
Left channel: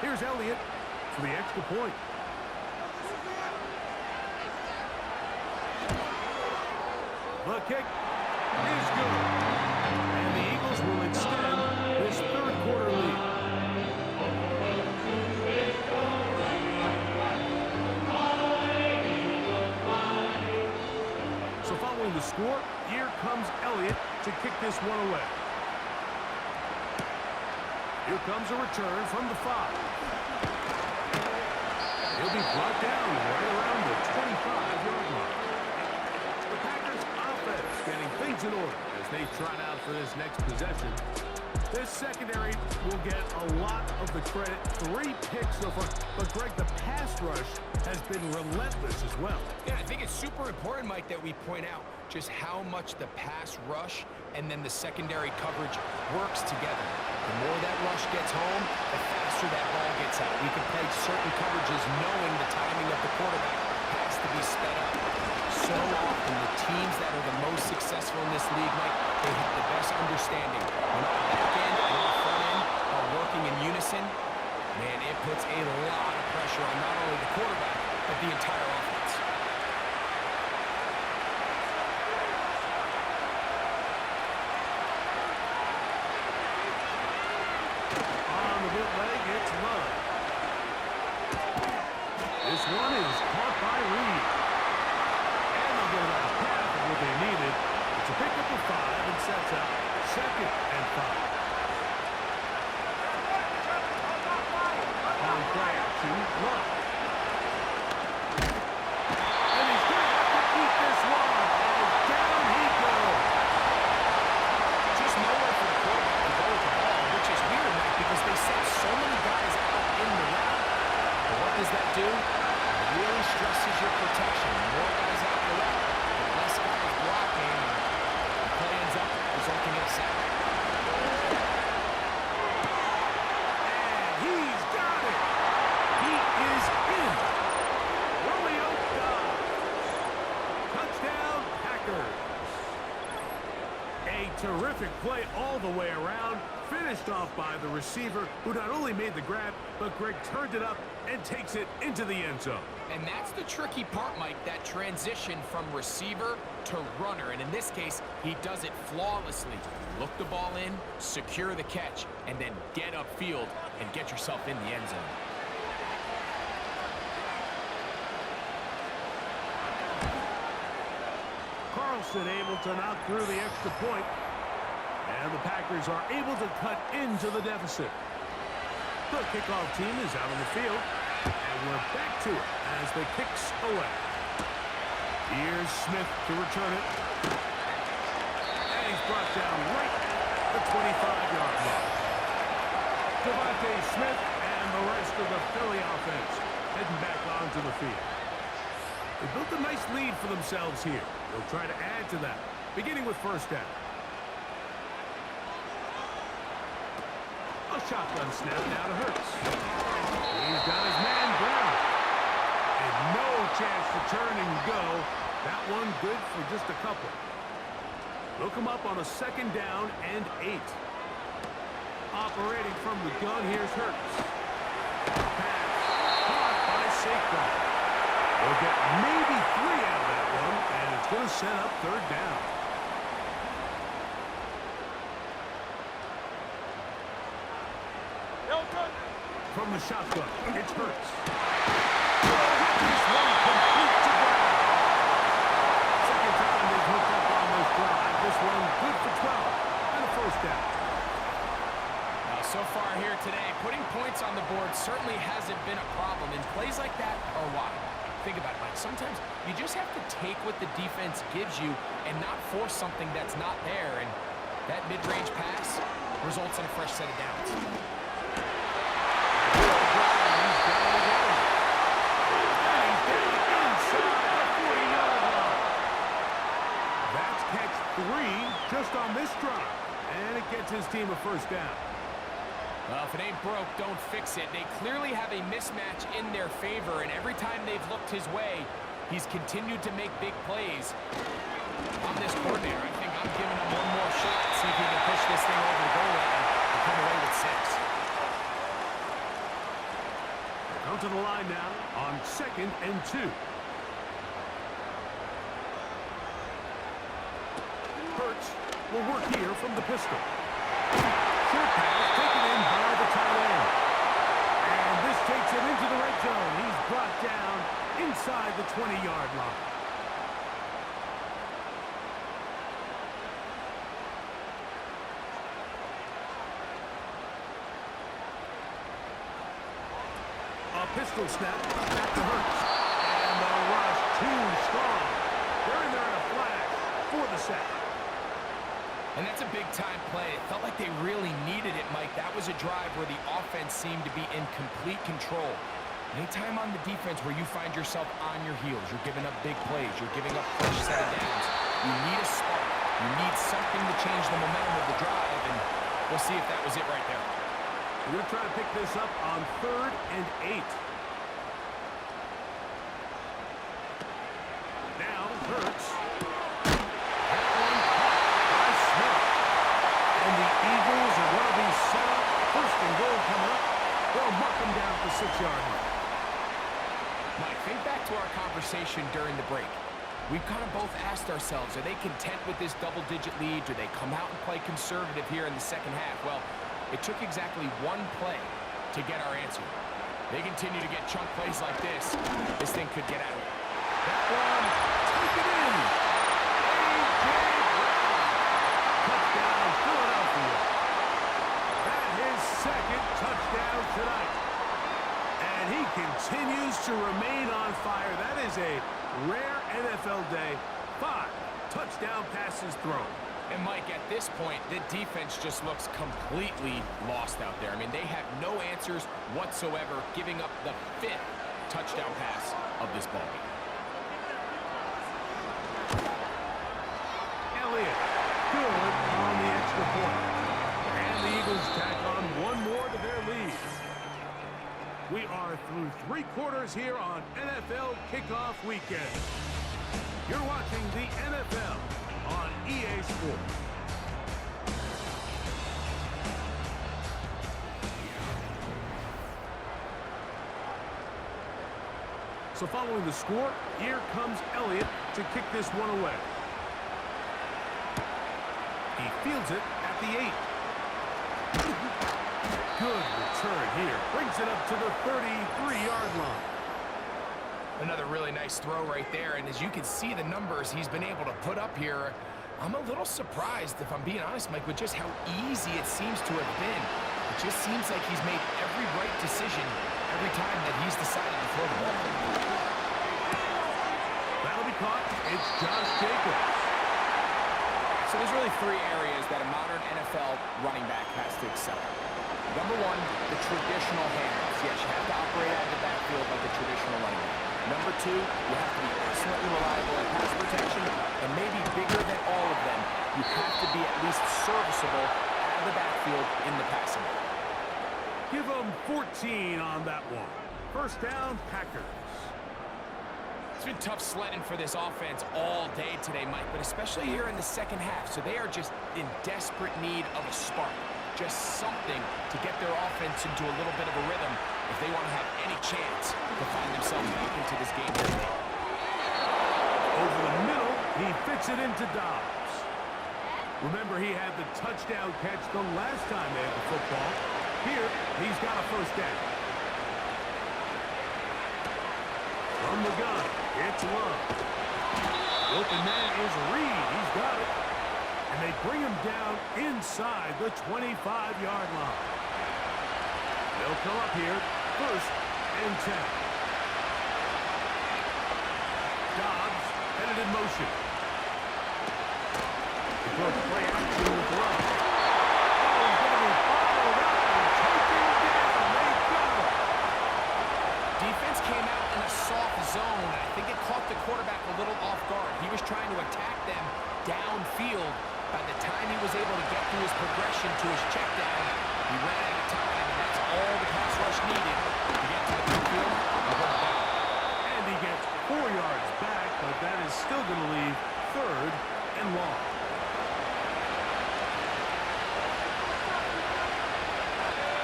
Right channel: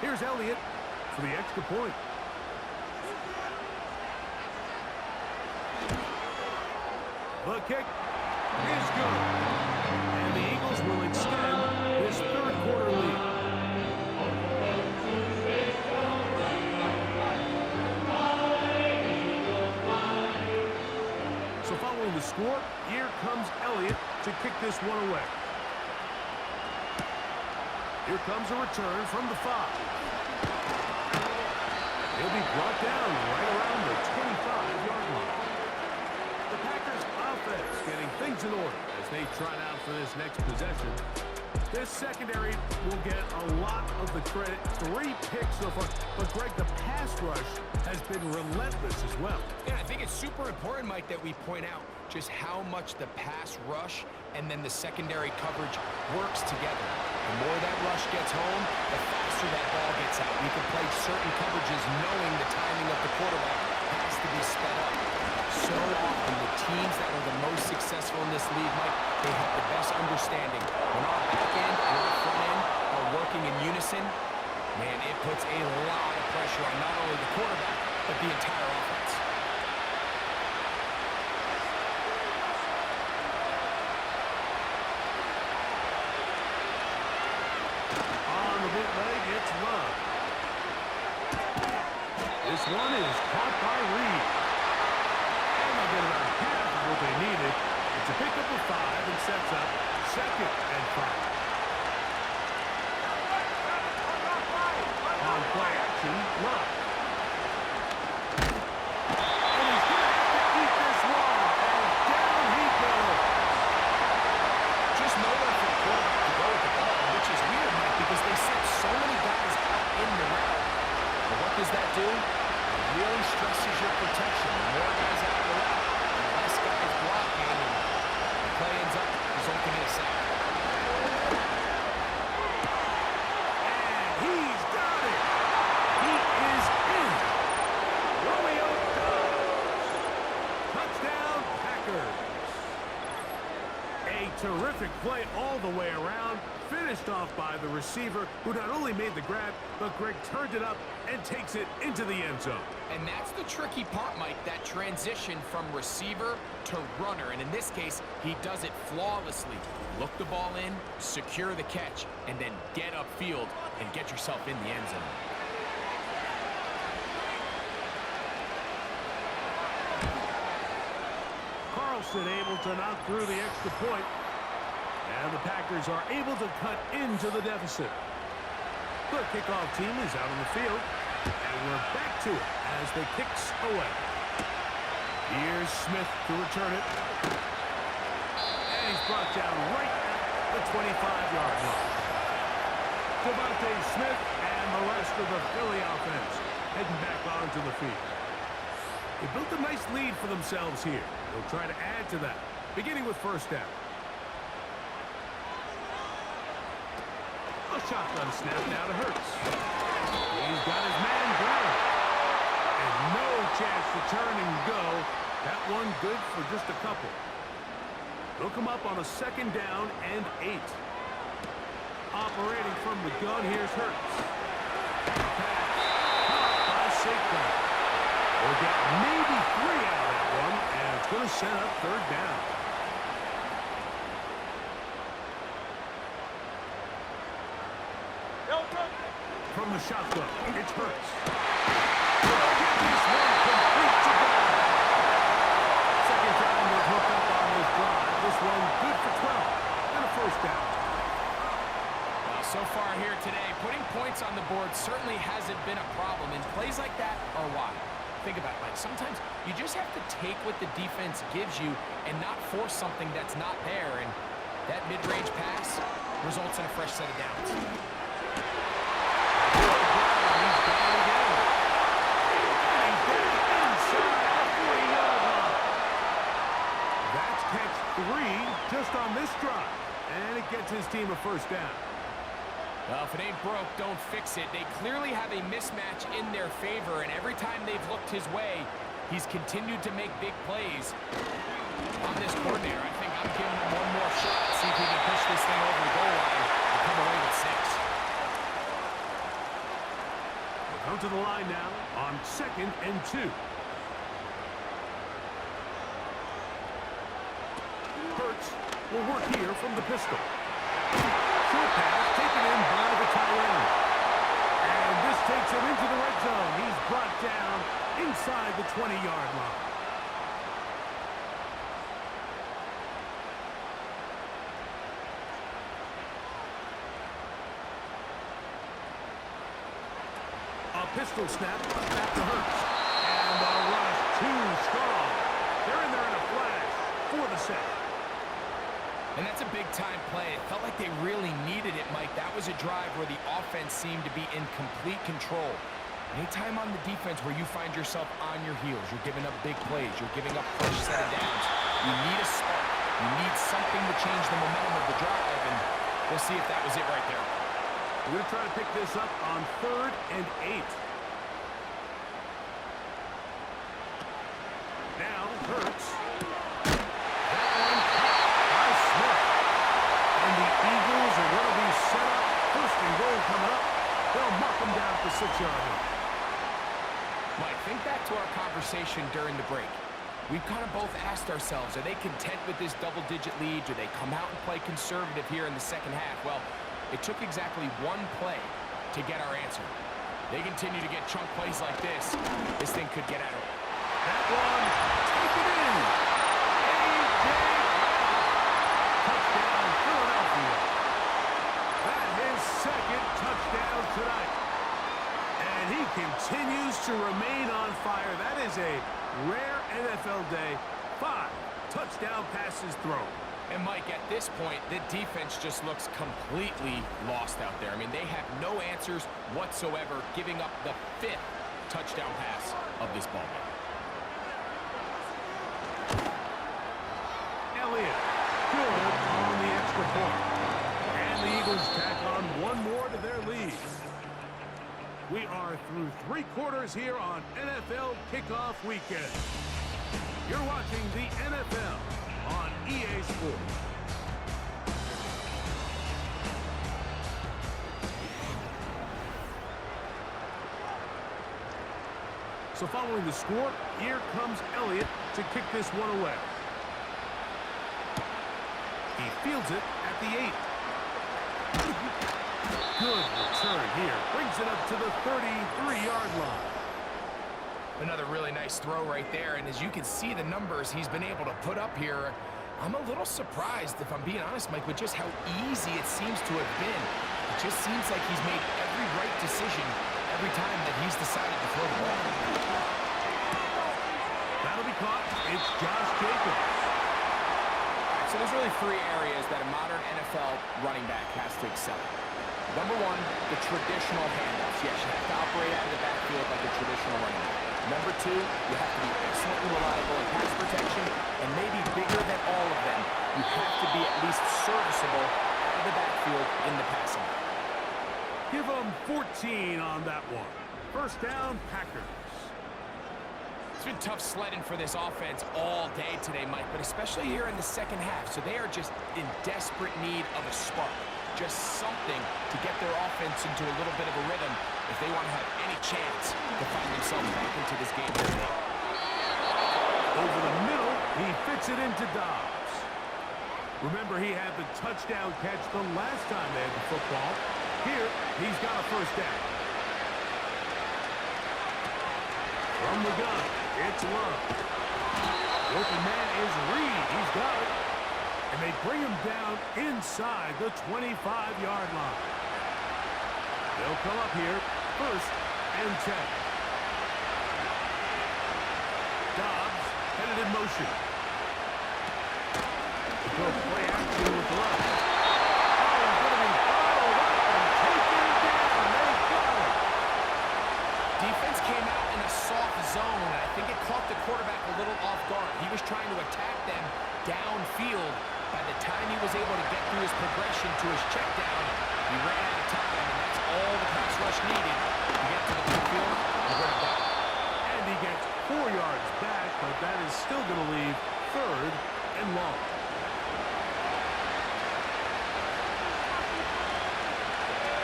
Here's Elliott for the extra point. The kick is good. And the Eagles will extend this 3rd quarter lead. So following the score, here comes Elliott to kick this one away. Here comes a return from the 5. He'll be brought down right around the 25-yard line. The Packers offense getting things in order as they trot out for this next possession. This secondary will get a lot of the credit. 3 picks so far. But, Greg, the pass rush has been relentless as well. Yeah, I think it's super important, Mike, that we point out just how much the pass rush and then the secondary coverage works together. The more that rush gets home, the faster that ball gets out. We can play certain coverages knowing the timing of the quarterback has to be sped up. So often, the teams that are the most successful in this league, Mike, they have the best understanding. When our back end and our front end are working in unison, man, it puts a lot of pressure on not only the quarterback, but the entire offense. On the bootleg, it's Love. This one is caught by Reed. And they'll get about half of what they needed. It's a pickup of 5 and sets up 2nd and 5. On play action, Love. And he's going to have to eat this one as down he goes. Just nowhere for the quarterback to go with the ball, which is weird, Mike, because they sent so many guys out in the route. But what does that do? It really stresses your protection. The more guys out in the route, the less guys blocking, and the play ends up resulting in a sack. And he's got it. He is in. Romeo Dobbs. Touchdown, Packers. A terrific play all the way around, finished off by the receiver, who not only made the grab, but Greg turned it up and takes it into the end zone. And that's the tricky part, Mike, that transition from receiver to runner. And in this case, he does it flawlessly. Look the ball in, secure the catch, and then get upfield and get yourself in the end zone. Carlson able to knock through the extra point. And the Packers are able to cut into the deficit. The kickoff team is out on the field. And we're back to it as the kick's away. Here's Smith to return it. And he's brought down right at the 25-yard line. Devontae Smith and the rest of the Philly offense heading back onto the field. They built a nice lead for themselves here. They'll try to add to that, beginning with first down. A shotgun snap now to Hurts. He's got his man Brown. And no chance to turn and go. That one good for just a couple. They'll come up on a second down and 8. Operating from the gun, here's Hurts. Pass. Caught by Saquon. They'll get maybe 3 out of that one, and it's going to set up third down. From the shotgun, it's Hurts. Get this one complete to Brown. Second time they've hooked up on this drive. This one good for 12 and a first down. Now, so far here today, putting points on the board certainly hasn't been a problem, and plays like that are why. Think about it, Mike. Sometimes you just have to take what the defense gives you and not force something that's not there, and that mid-range pass results in a fresh set of downs. He's down again. And he's down inside the 40-yard line. That's catch 3 just on this drive. And it gets his team a first down. Well, if it ain't broke, don't fix it. They clearly have a mismatch in their favor, and every time they've looked his way, he's continued to make big plays. I'm this coordinator. I think I'm giving him one more shot. See if he can push this thing over the goal line and come away with 6. Come to the line now on 2nd and 2. Hurts will work here from the pistol. Short pass taken in by the tight end. And this takes him into the red zone. He's brought down inside the 20-yard line. A pistol snap back to Hurts. And the rush too strong. They're in there in a flash for the sack. And that's a big-time play. It felt like they really needed it, Mike. That was a drive where the offense seemed to be in complete control. Anytime on the defense where you find yourself on your heels, you're giving up big plays, you're giving up fresh set of downs, you need a spark. You need something to change the momentum of the drive, and we'll see if that was it right there. We're going to try to pick this up on 3rd and 8. Now, Hurts. That one caught by Smith. And the Eagles are going to be set up. 1st and goal coming up. They'll mark them down at the 6-yard line. Mike, think back to our conversation during the break. We've kind of both asked ourselves, are they content with this double-digit lead? Do they come out and play conservative here in the second half? Well, it took exactly one play to get our answer. They continue to get chunk plays like this. This thing could get out of it. That one, take it in. A.J. Brown. Touchdown, Philadelphia. That his 2nd touchdown tonight. And he continues to remain on fire. That is a rare NFL day. 5 touchdown passes thrown. And, Mike, at this point, the defense just looks completely lost out there. I mean, they have no answers whatsoever, giving up the 5th touchdown pass of this ballgame. Elliott, good on the extra point. And the Eagles tack on one more to their lead. We are through 3 quarters here on NFL Kickoff Weekend. You're watching the NFL on EA Sports. So following the score, here comes Elliott to kick this one away. He fields it at the 8. Good return here. Brings it up to the 33-yard line. Another really nice throw right there, and as you can see the numbers he's been able to put up here, I'm a little surprised, if I'm being honest, Mike, with just how easy it seems to have been. It just seems like he's made every right decision every time that he's decided to throw the ball. That'll be caught. It's Josh Jacobs. All right, so there's really 3 areas that a modern NFL running back has to excel at. Number 1, the traditional handoffs. Yes, you have to operate out of the backfield like a traditional running back. Number 2, you have to be excellently reliable in pass protection, and maybe bigger than all of them, you have to be at least serviceable out of the backfield in the passing game. Give them 14 on that one. First down, Packers. It's been tough sledding for this offense all day today, Mike, but especially here in the second half. So they are just in desperate need of a spark. Just something to get their offense into a little bit of a rhythm if they want to have any chance to find themselves back into this game today. Over the middle, he fits it into Dobbs. Remember, he had the touchdown catch the last time they had the football. Here, he's got a first down. From the gun, it's Love. The open man is Reed. He's got it. And they bring him down inside the 25-yard line. They'll come up here, first and 10. Dobbs headed in motion. They go play action with Love. Oh, he's going to be bottled up and taken down. They got him. Defense came out in a soft zone, and I think it caught the quarterback a little off guard. He was trying to attack them downfield. By the time he was able to get through his progression to his check down, he ran out of time, and that's all the pass rush needed to get to the backfield and bring it down. And he gets 4 yards back, but that is still going to leave third and long.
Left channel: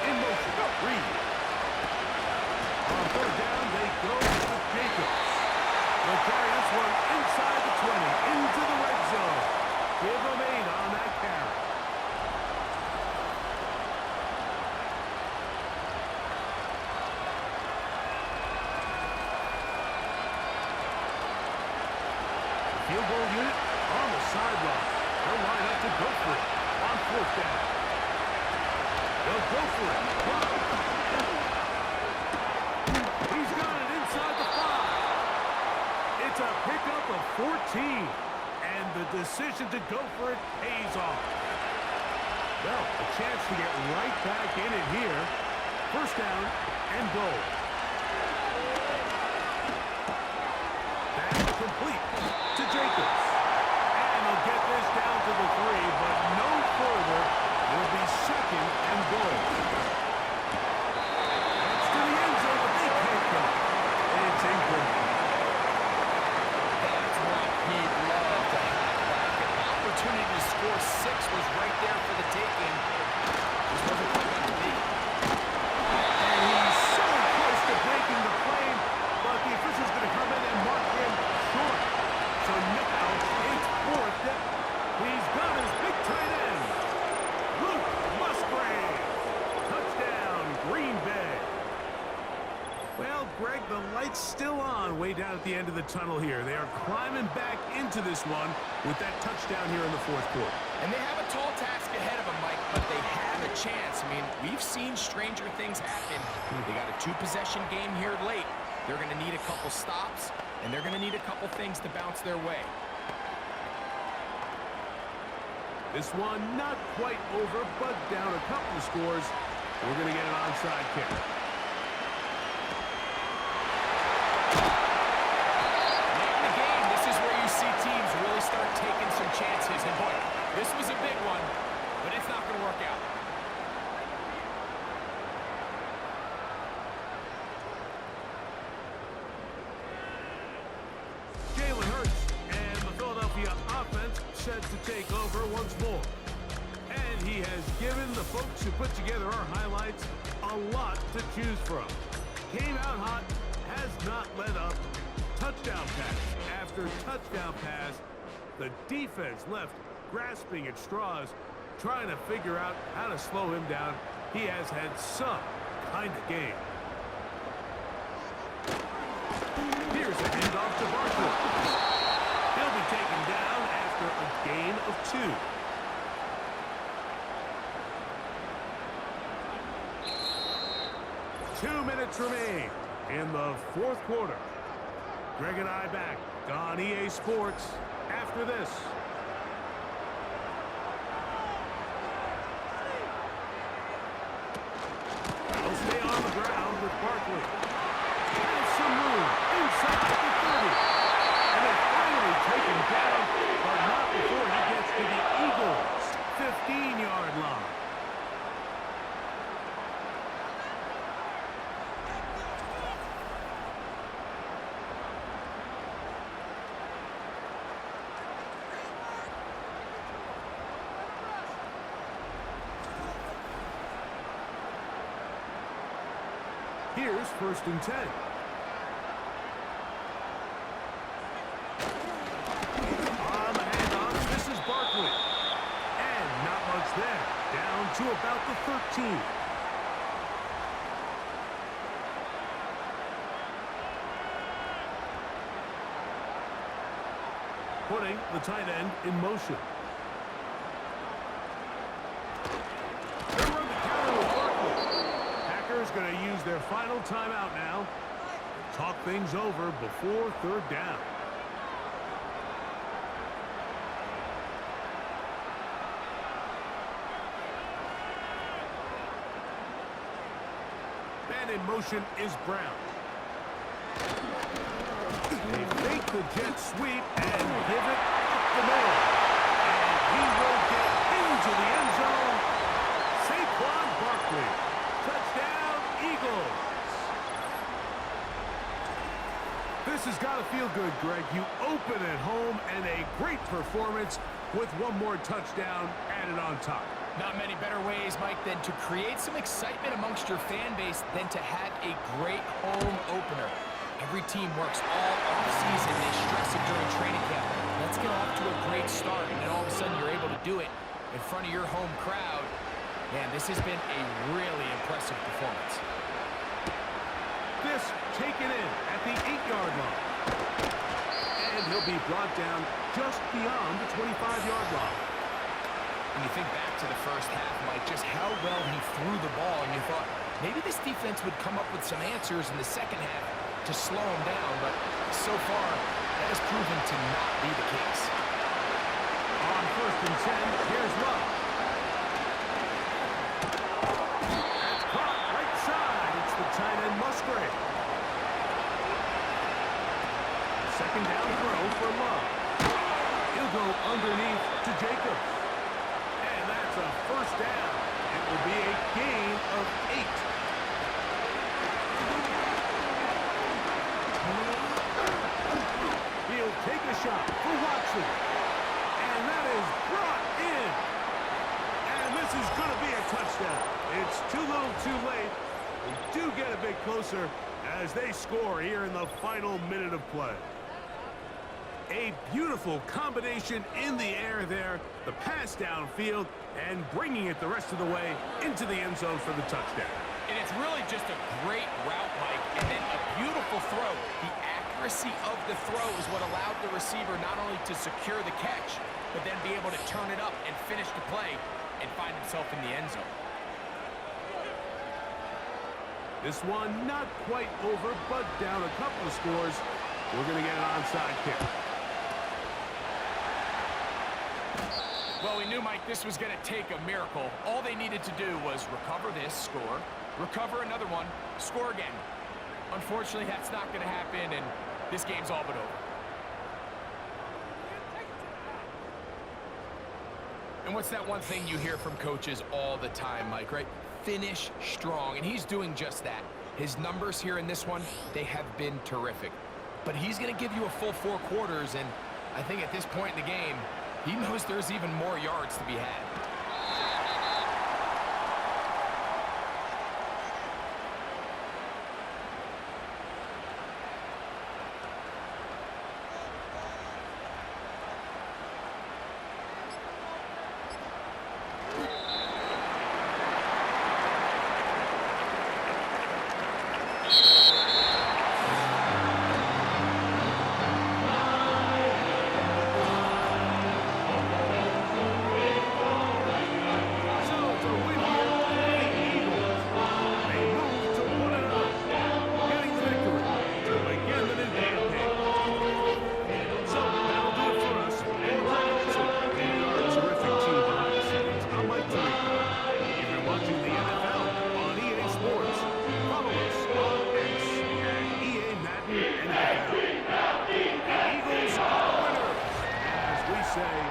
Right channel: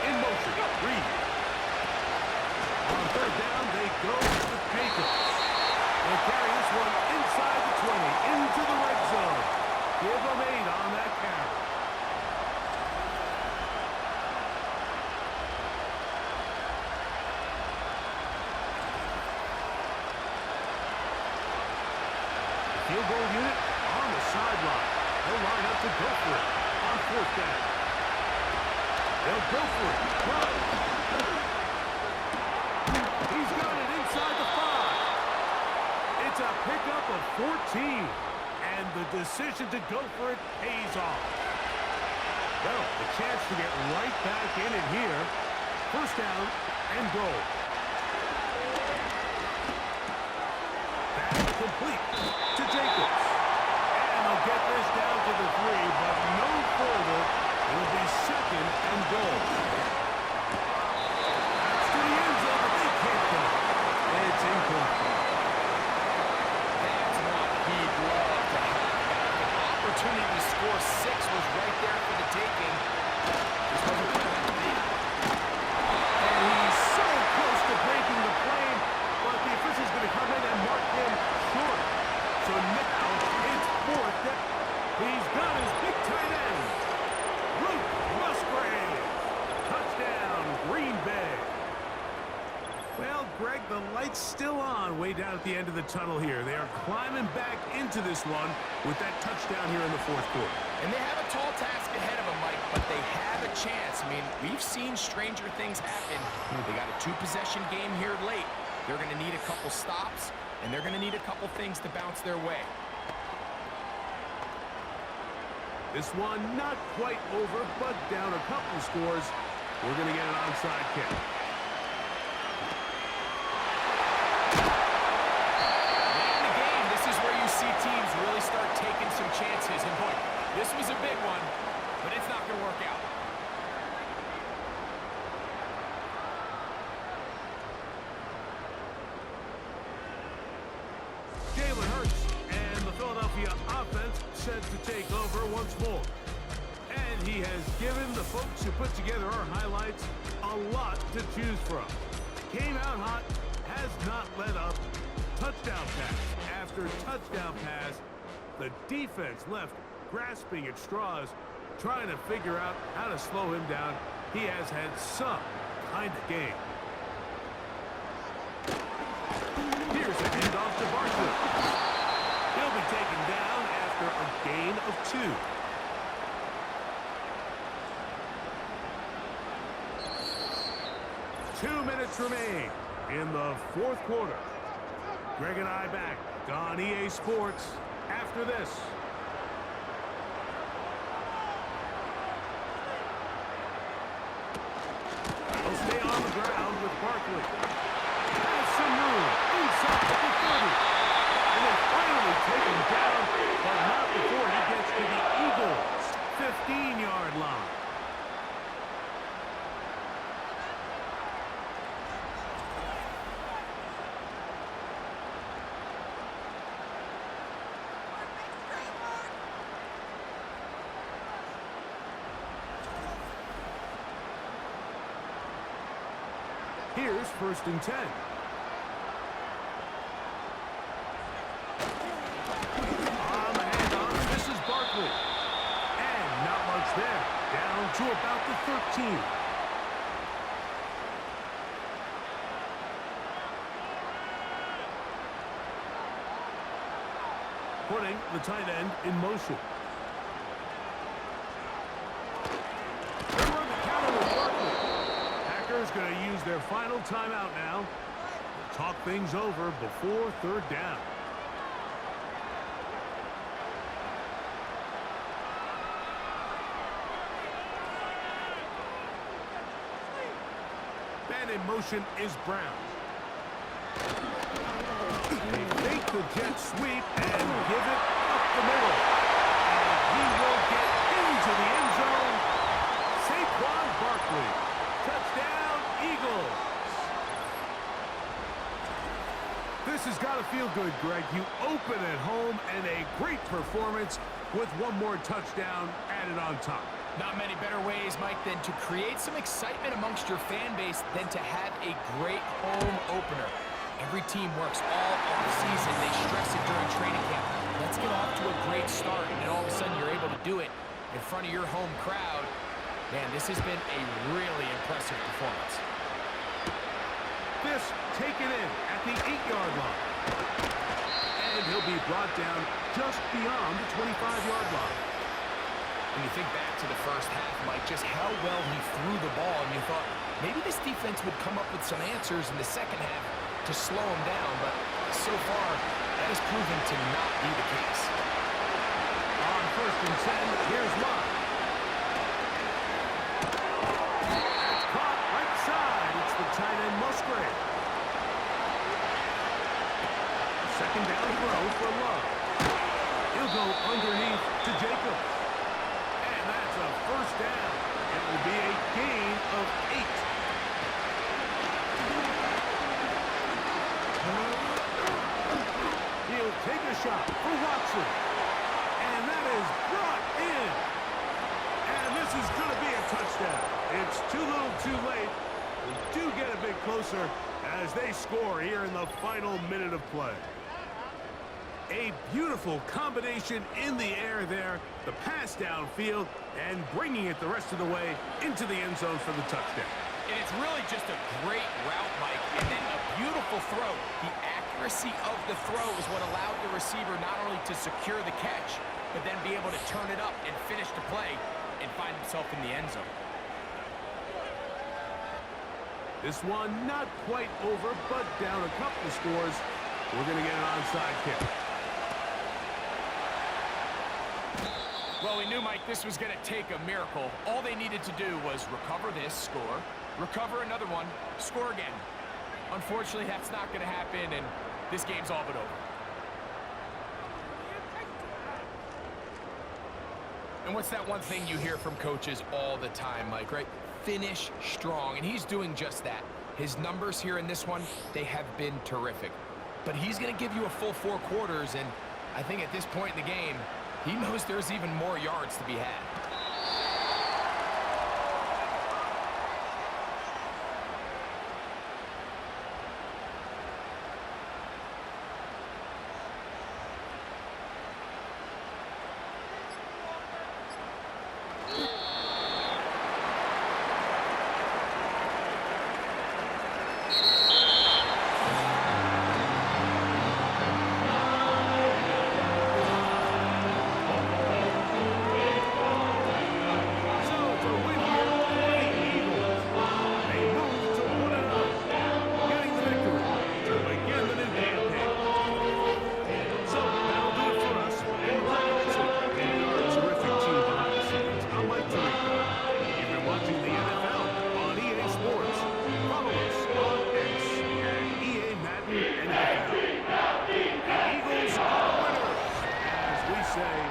In motion, Reed. On third down, they go with Jacobs. They'll carry this one inside the 20, into the red zone. Give them 8 on that carry. The field goal unit on the sideline. They'll line up to go for it on fourth down. They'll go for it. Love. He's got it inside the 5. It's a pickup of 14. And the decision to go for it pays off. Well, a chance to get right back in it here. First down and goal. That's complete to Jacobs. And they'll get this down to the 3, but no further. It'll be second and goal. That's to the end zone, but they can't get it. It's incomplete. That's one he'd love to have back. An opportunity to score 6 was right there for the taking. Just wasn't quite meant to be. And he's so close to breaking the plane, but the official's going to come in and mark him short. So now it's fourth down. He's got his big tight end, Luke Musgrave. Touchdown, Green Bay. Well, Greg, the light's still on way down at the end of the tunnel here. They are climbing back into this one with that touchdown here in the fourth quarter. And they have a tall task ahead of them, Mike, but they have a chance. I mean, we've seen stranger things happen. They got a 2-possession game here late. They're going to need a couple stops, and they're going to need a couple things to bounce their way. This one not quite over, but down a couple of scores. We're going to get an onside kick. See teams really start taking some chances, and boy, this was a big one, but it's not going to work out. Jalen Hurts and the Philadelphia offense set to take over once more. And he has given the folks who put together our highlights a lot to choose from. Came out hot, has not let up. Touchdown pass after touchdown pass. The defense left grasping at straws, trying to figure out how to slow him down. He has had some kind of game. Here's a handoff to Barkley. He'll be taken down after a gain of 2. Two minutes remain in the fourth quarter. Greg and I back on EA Sports after this. He'll stay on the ground with Barkley. Has some room inside the 30. And then finally taken down, but not before he gets to the Eagles' 15-yard line. Here's 1st and 10. On the handoff, this is Barkley. And not much there. Down to about the 13. Putting the tight end in motion. They run the counter with Barkley. Packers going to use their final timeout now. Talk things over before 3rd down. Man in motion is Brown. They fake the jet sweep and give it up the middle. And he will get into the end zone. Saquon Barkley. Touchdown, Eagles. This has got to feel good, Greg. You open at home and a great performance with one more touchdown added on top. Not many better ways, Mike, than to create some excitement amongst your fan base than to have a great home opener. Every team works all off-season. They stress it during training camp. Let's get off to a great start, and then all of a sudden you're able to do it in front of your home crowd. Man, this has been a really impressive performance. This taken in at the 8-yard line. And he'll be brought down just beyond the 25-yard line. When you think back to the first half, Mike, just how well he threw the ball, and you thought maybe this defense would come up with some answers in the second half to slow him down, but so far, that has proven to not be the case. On 1st and 10, here's Love. That's caught right side. It's the tight end Musgrave. Second down throw for Love. He'll go underneath to Jacobs. And that's a 1st down. It will be a gain of 8. He'll take a shot for Watson. And that is brought in. And this is going to be a touchdown. It's too little too late. We do get a bit closer as they score here in the final minute of play. A beautiful combination in the air there. The pass downfield and bringing it the rest of the way into the end zone for the touchdown. And it's really just a great route, Mike, and then a beautiful throw. The accuracy of the throw is what allowed the receiver not only to secure the catch, but then be able to turn it up and finish the play and find himself in the end zone. This one not quite over, but down a couple of scores. We're going to get an onside kick. Well, we knew, Mike, this was going to take a miracle. All they needed to do was recover this, score, recover another one, score again. Unfortunately, that's not going to happen, and this game's all but over. And what's that one thing you hear from coaches all the time, Mike, right? Finish strong, and he's doing just that. His numbers here in this one, they have been terrific. But he's going to give you a full 4 quarters, and I think at this point in the game, he knows there's even more yards to be had. say.